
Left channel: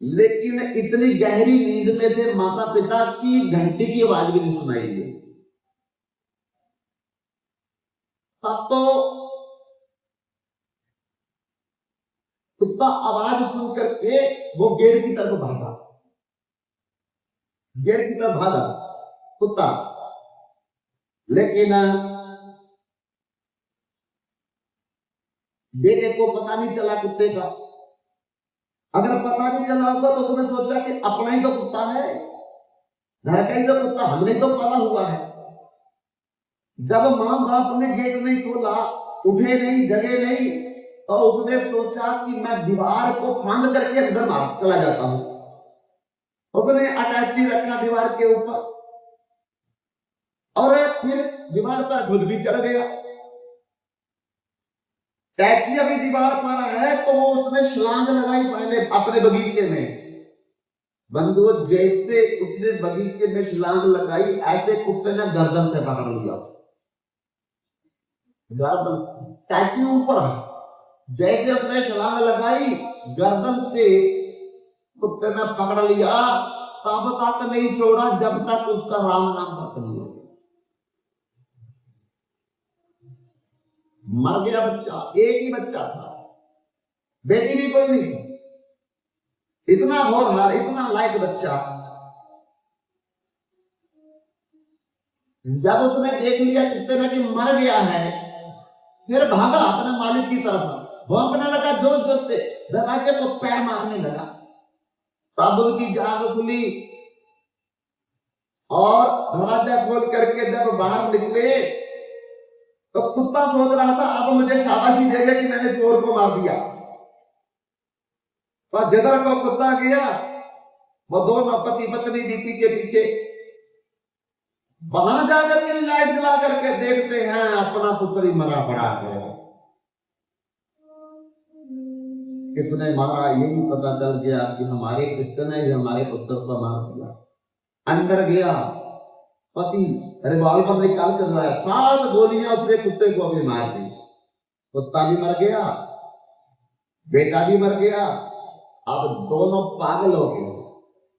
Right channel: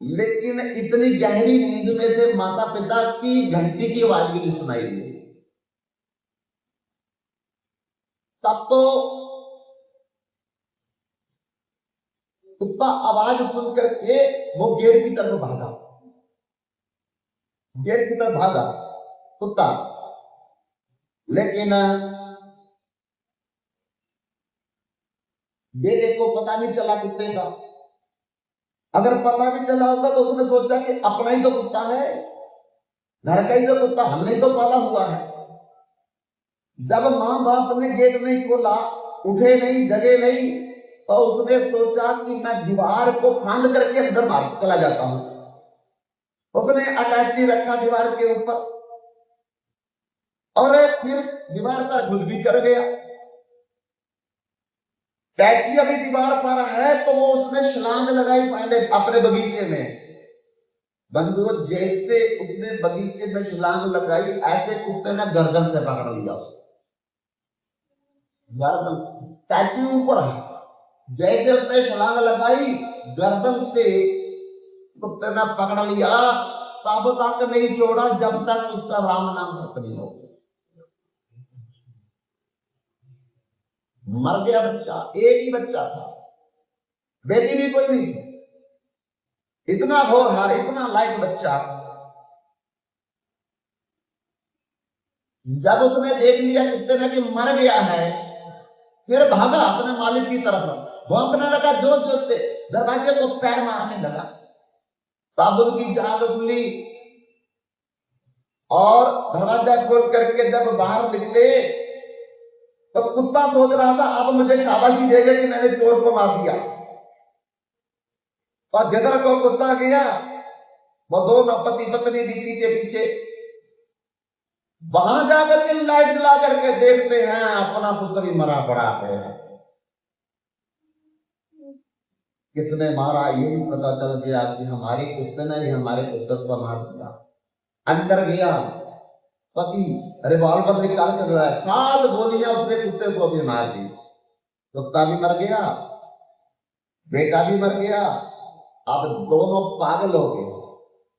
लेकिन इतनी गहरी नींद में थे माता पिता की घंटी की आवाज भी नहीं सुनाई दी। तब तो कुत्ता आवाज सुन करके वो गेट की तरफ भागा, गेट की तरफ भागा कुत्ता। लेकिन बेटे को पता नहीं चला कुत्ते का। अगर पता नहीं चला होगा तो उसने सोचा कि अपना ही तो कुत्ता है, घर का ही तो कुत्ता, हमने तो पाला हुआ है। जब मां बाप ने गेट नहीं खोला, उठे नहीं, जगे नहीं, तो उसने सोचा कि मैं दीवार को फांद करके अंदर मार चला जाता हूं। उसने अटैची रखा दीवार के ऊपर और फिर दीवार पर खुद भी चढ़ गया। टैची अभी दीवार पर है तो वो उसने छलांग लगाई पहले अपने बगीचे में। बंधु जैसे उसने बगीचे में छलांग लगाई, ऐसे कुत्ते ने गर्दन से पकड़ लिया। गर्दन, टैची ऊपर है, जैसे उसने छलांग लगाई गर्दन से कुत्ते ने पकड़ लिया। तब तक नहीं छोड़ा जब तक उसका राम नाम खत्म नहीं हो। मर गया बच्चा, एक ही बच्चा था, बेटी भी कोई नहीं थी। इतना होनहार, इतना लायक बच्चा। जब उसने देख लिया कुत्ते ने कि मर गया है, फिर भागा अपने मालिक की तरफ, भौंकने लगा जोर जोर से, दरवाजे को पैर मारने लगा। तब उनकी जाग खुली और दरवाजा खोल करके जब बाहर निकले तो कुत्ता सोच रहा था अब मुझे शाबाशी देगा कि मैंने चोर को मार दिया। और जिधर को कुत्ता गया वो दोनों पति पत्नी भी पीछे पीछे। वहां जाकर के लाइट जला करके देखते हैं अपना पुत्र ही मरा पड़ा है। किसने मारा ये भी पता चल गया कि हमारे कुत्ते ने ही हमारे पुत्र को मार दिया। अंदर गया पति, रिवॉल्वर निकाल कर रहा है, 7 गोलियां उसने कुत्ते को भी मार दी। कुत्ता भी मर गया, बेटा भी मर गया। अब दोनों पागल हो गए,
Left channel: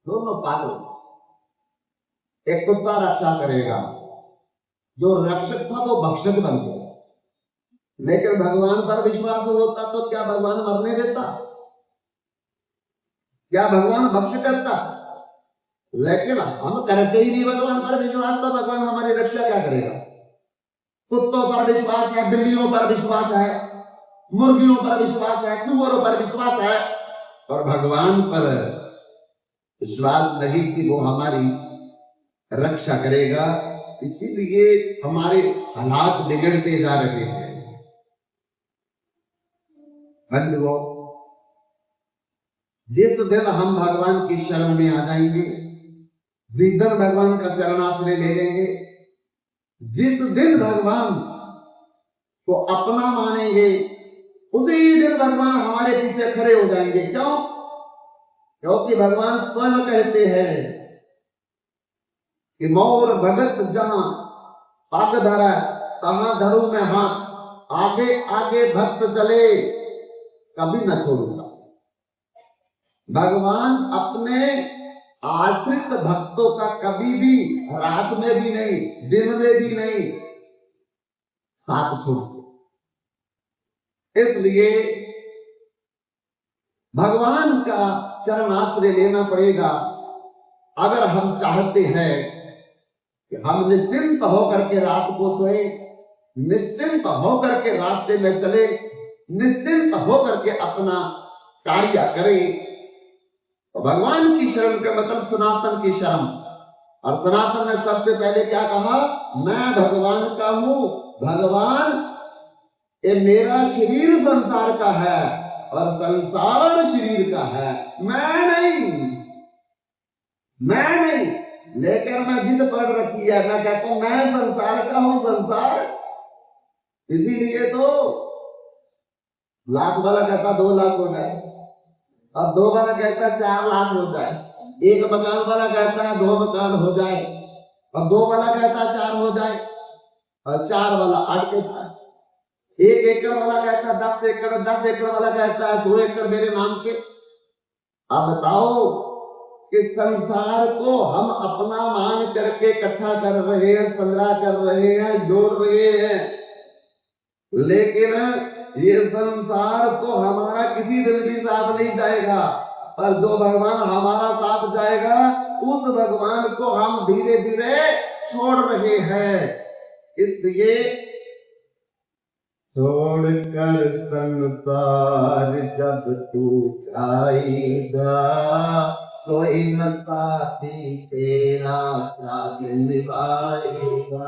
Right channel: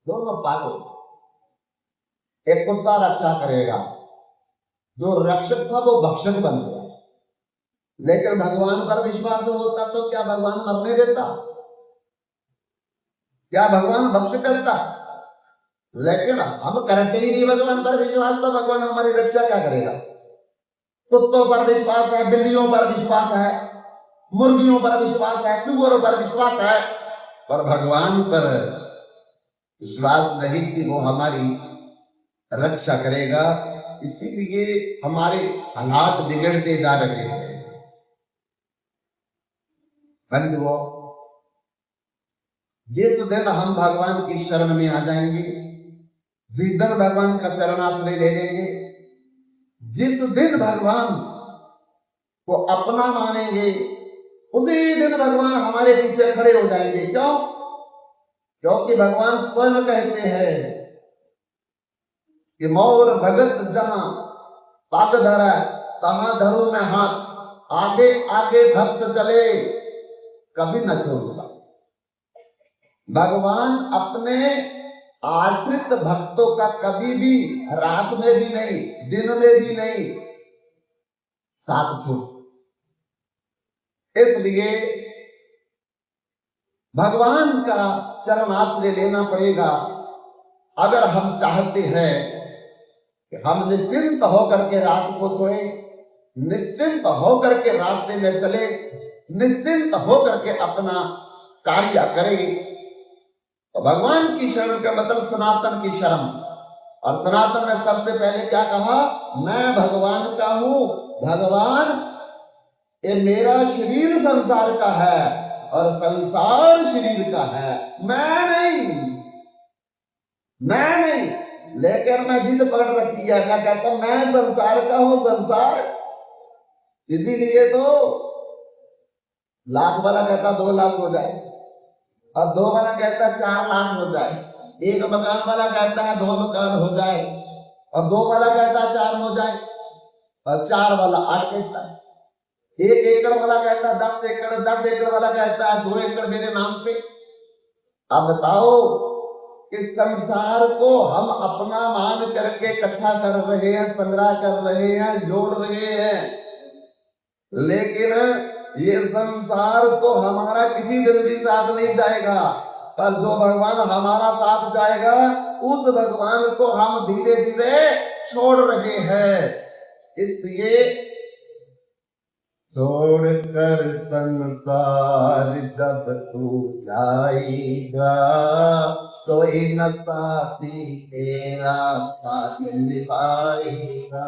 दोनों पागल। एक कुत्ता रक्षा करेगा, जो रक्षक था वो भक्षक बन गया। लेकिन भगवान पर विश्वास होता तो क्या भगवान मरने देता? क्या भगवान भक्ष करता? लेकिन हम करते ही नहीं भगवान पर विश्वास, तो भगवान हमारी रक्षा क्या करेगा? कुत्तों पर विश्वास है, बिल्लियों पर विश्वास है, मुर्गियों पर विश्वास है, सुअरों पर विश्वास है, पर भगवान पर विश्वास नहीं कि वो हमारी रक्षा करेगा। इसीलिए हमारे हालात बिगड़ते जा रहे हैं। बंधुओं, जिस दिन हम भगवान की शरण में आ जाएंगे, जिस दिन भगवान का चरणाश्रय ले लेंगे, जिस दिन भगवान को अपना मानेंगे, उसी दिन भगवान हमारे पीछे खड़े हो जाएंगे। क्यों? क्योंकि भगवान स्वयं कहते हैं कि मोर भगत जहां पग धरा तहां धरू में हाथ, आगे आगे भक्त चले कभी न छोड़ सकते। भगवान अपने आश्रित भक्तों का कभी भी रात में भी नहीं, दिन में भी नहीं साथ छोड़। इसलिए भगवान का चरण आश्रय लेना पड़ेगा अगर हम चाहते हैं कि हम निश्चिंत होकर के रात को सोए, निश्चिंत होकर के रास्ते में चले, निश्चिंत होकर के अपना कार्य करें। तो भगवान की शरण का मतलब सनातन की शरण। और सनातन ने सबसे पहले क्या कहा? मैं भगवान का हूं। भगवान ये मेरा शरीर संसार का है और संसार शरीर का है, मैं नहीं। लेकिन मैं जिद पड़ रखी है, मैं कहता हूं मैं संसार का हूं, संसार। इसीलिए तो लाख वाला कहता 2 लाख हो जाए, और 2 वाला कहता 4 लाख हो जाए, एक मकान वाला कहता है 2 मकान हो जाए, और 2 वाला कहता है 4 हो जाए, और 4 वाला 8 कहता है, 1 एकड़ वाला कहता है 10 एकड़, 10 एकड़ वाला कहता है 100 एकड़ मेरे नाम पे। अब बताओ कि संसार को हम अपना मान करके इकट्ठा कर रहे हैं, संग्रह कर रहे हैं, जोड़ रहे हैं, लेकिन ये संसार तो हमारा किसी दिन भी साथ नहीं जाएगा। पर जो भगवान हमारा साथ जाएगा, उस भगवान को हम धीरे धीरे छोड़ रहे हैं। इसलिए छोड़कर संसार जब तू जाएगा, कोई न साथी तेरा साथ निभाएगा।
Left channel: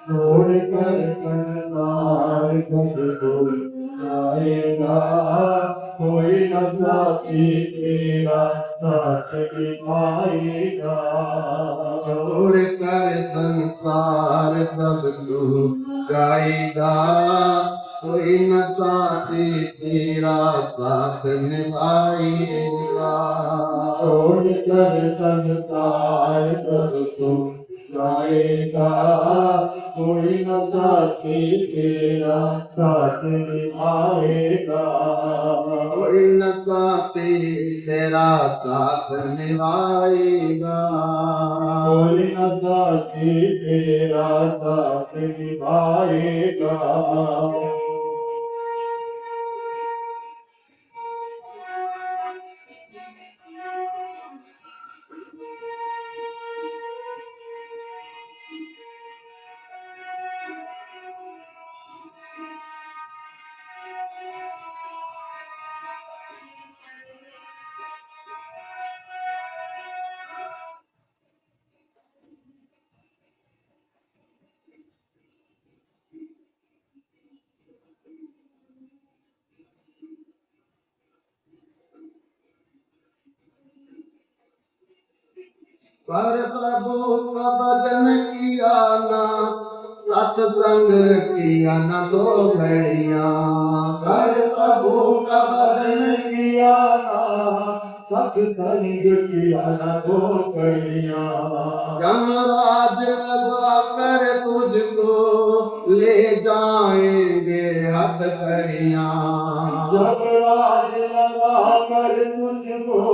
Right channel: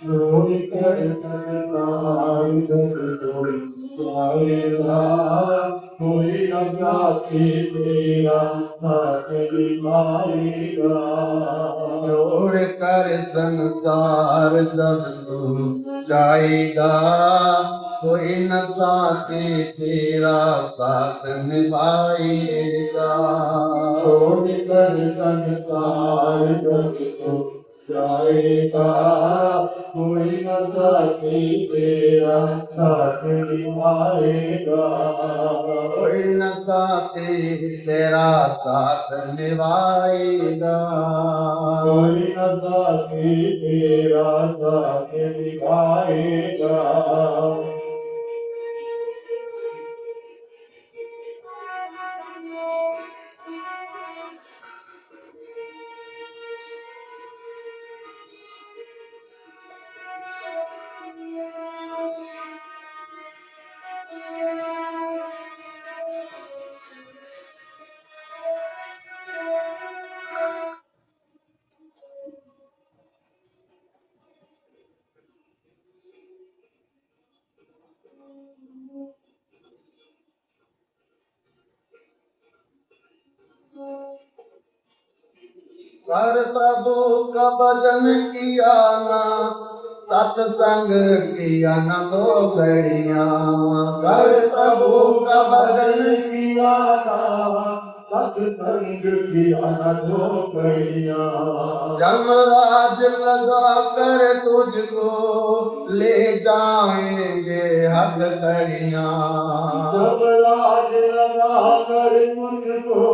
छोड़कर संसार जब तू जाएगा, कोई न साथी तेरा साथ निभाएगा। छोड़कर संसार जब तू जाएगा, कोई न साथी तेरा साथ निभाएगा। छोड़कर संसार जब तू जाएगा, कोई न साथी तेरा साथ निभाएगा। कोई न साथी तेरा साथ निभाएगा। कोई न साथी तेरा साथ निभाएगा। पर प्रभु का भजन किया ना, सत्संग किया न 2 घड़ियां। कर प्रभु का भजन किया ना, सत्संग किया न 2 घड़ियां। जमराज लगा कर तुझको ले जाएंगे हथकड़ियां। जब राज लगा कर तुझको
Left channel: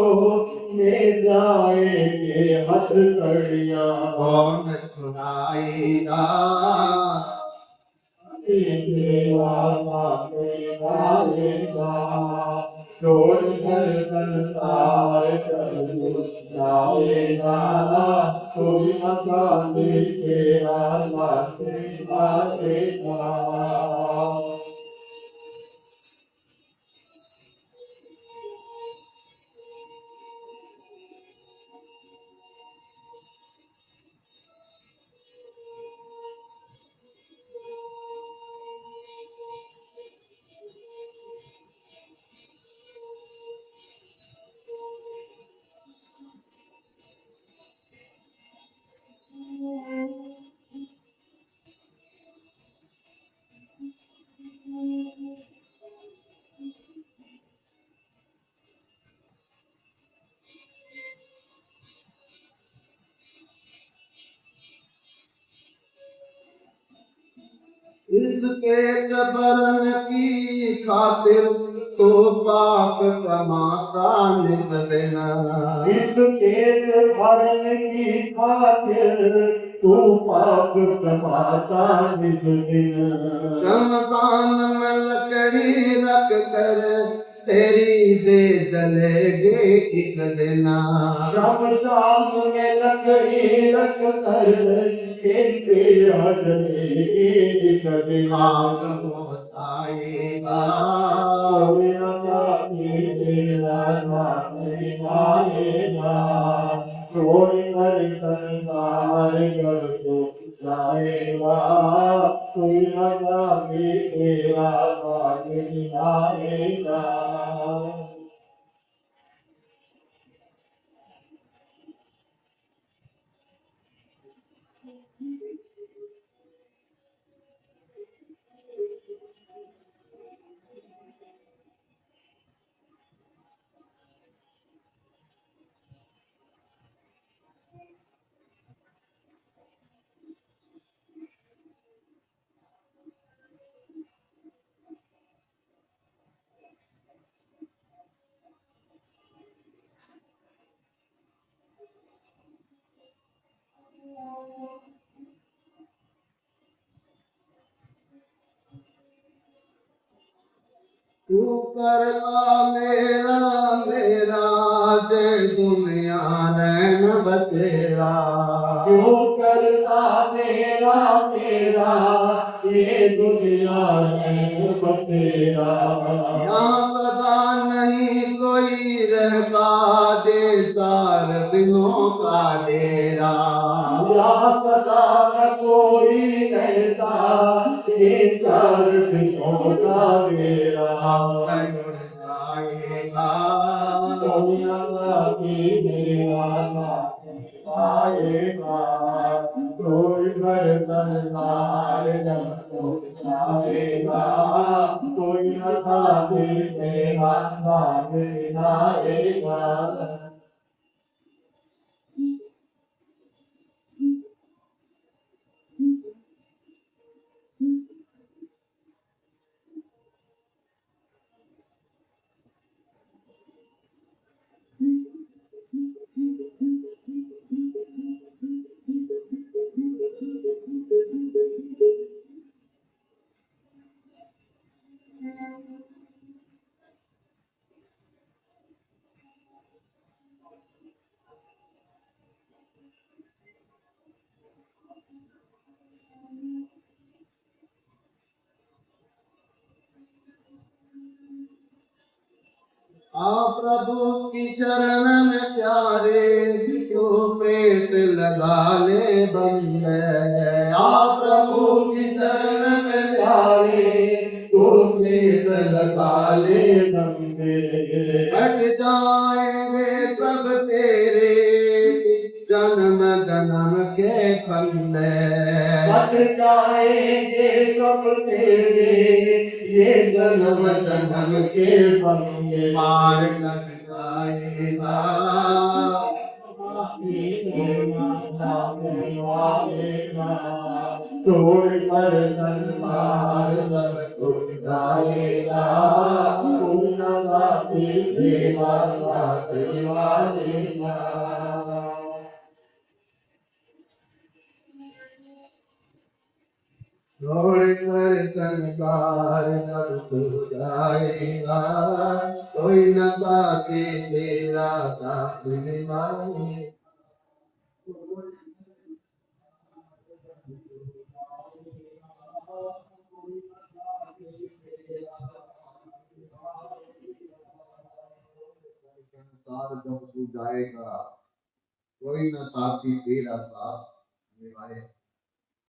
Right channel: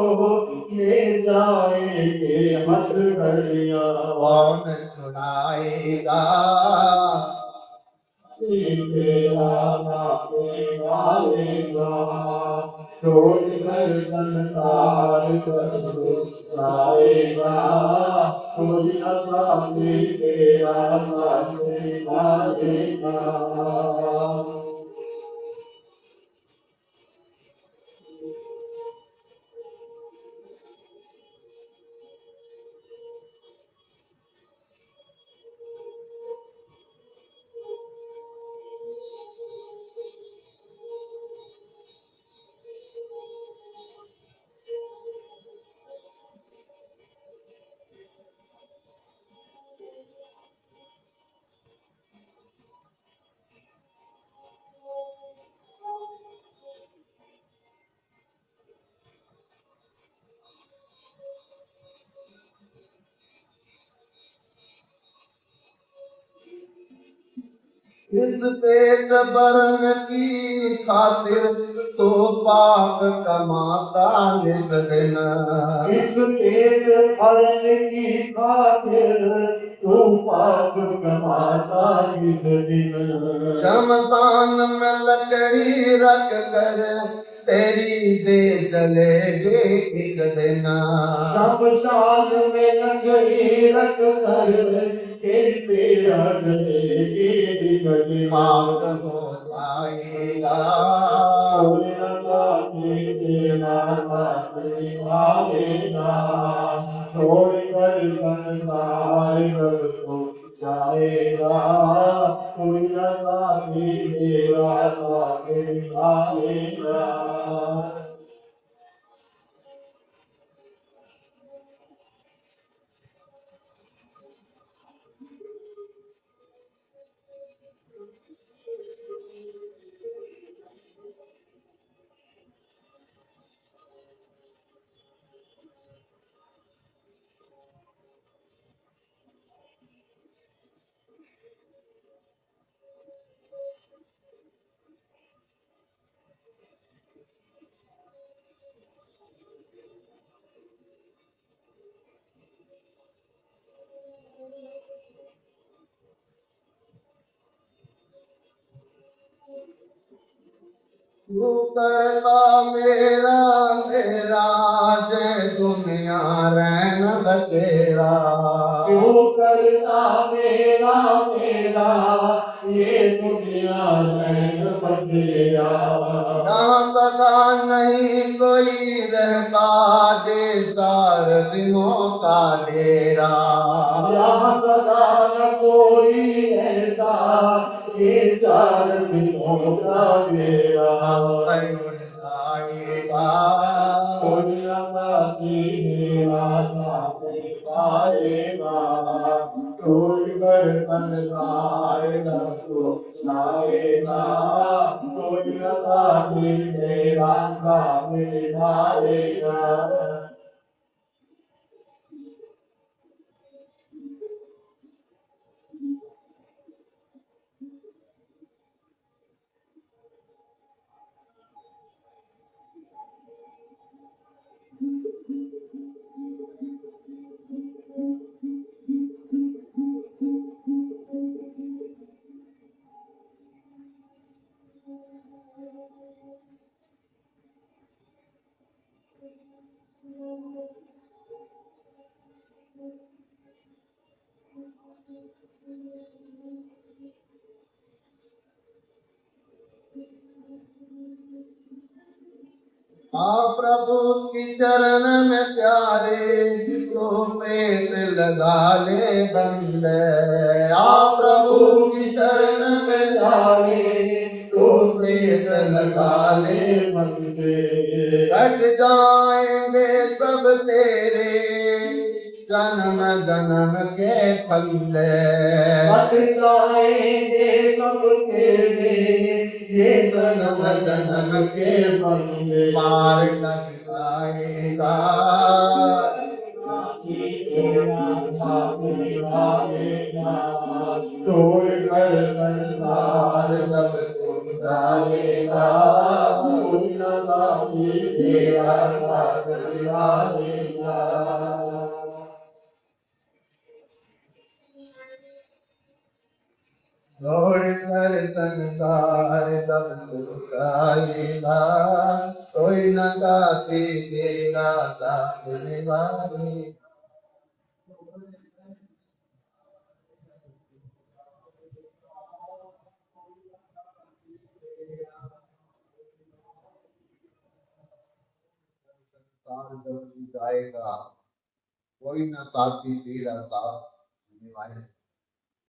ले जाएंगे हथकड़ियां। कौन छुड़ाएगा तेरा साथ निभाएगा। छोड़कर संसार जब तू जाएगा, कोई न साथी तेरा साथ निभाएगा। इस पेट भरन की खातिर तो पाप कमाता नित दिन। इस पेट भरने की खातिर तू पाप कमाता किस दिन शमशान में लकड़ी रख कर तेरी दे जलेगी एक दिन शमशान में लकड़ी रख कर तेरा जलेगी दिन दिन आग हो जाएगा छोड़ कर संसार कर तो जाएगा कोई लगा भी तेरा आगे जाएगा तू करला मेरा मेरा जे दुनिया रैन बसेरा क्यों करता मेरा मेरा ये दुनिया रैन बसेरा यहाँ सदा नहीं कोई रहता जे 4 दिनों का डेरा यहाँ सदा न कोई रहता ये 4 दिनों का मेरा उड़ जाएगा कोई लगा कि मेरा पाएगा कोई गर्दन मार को जाएगा कोई लगा कि मेरा मारेगा प्रभु की शरण में प्यारे तू पेट लगा ले बंदे प्रभु की शरण में प्यारे तू पेट लगा ले बंदे कट जाएंगे सब तेरे जन्म जन्म के फंदे कट जाएंगे सब तेरे ये जन्म जन्म के बंदे मार लग जाएगा छोड़ कर संसार सब तुम जाएगा कोई न साथी तेरा साथ निभाएगा छोड़ कर संसार सब सुख आएगा कोई न साथी तेरा साथ निभाएगा संसार जब तू जाएगा कोई न साथी तेरा साथ निभाएगा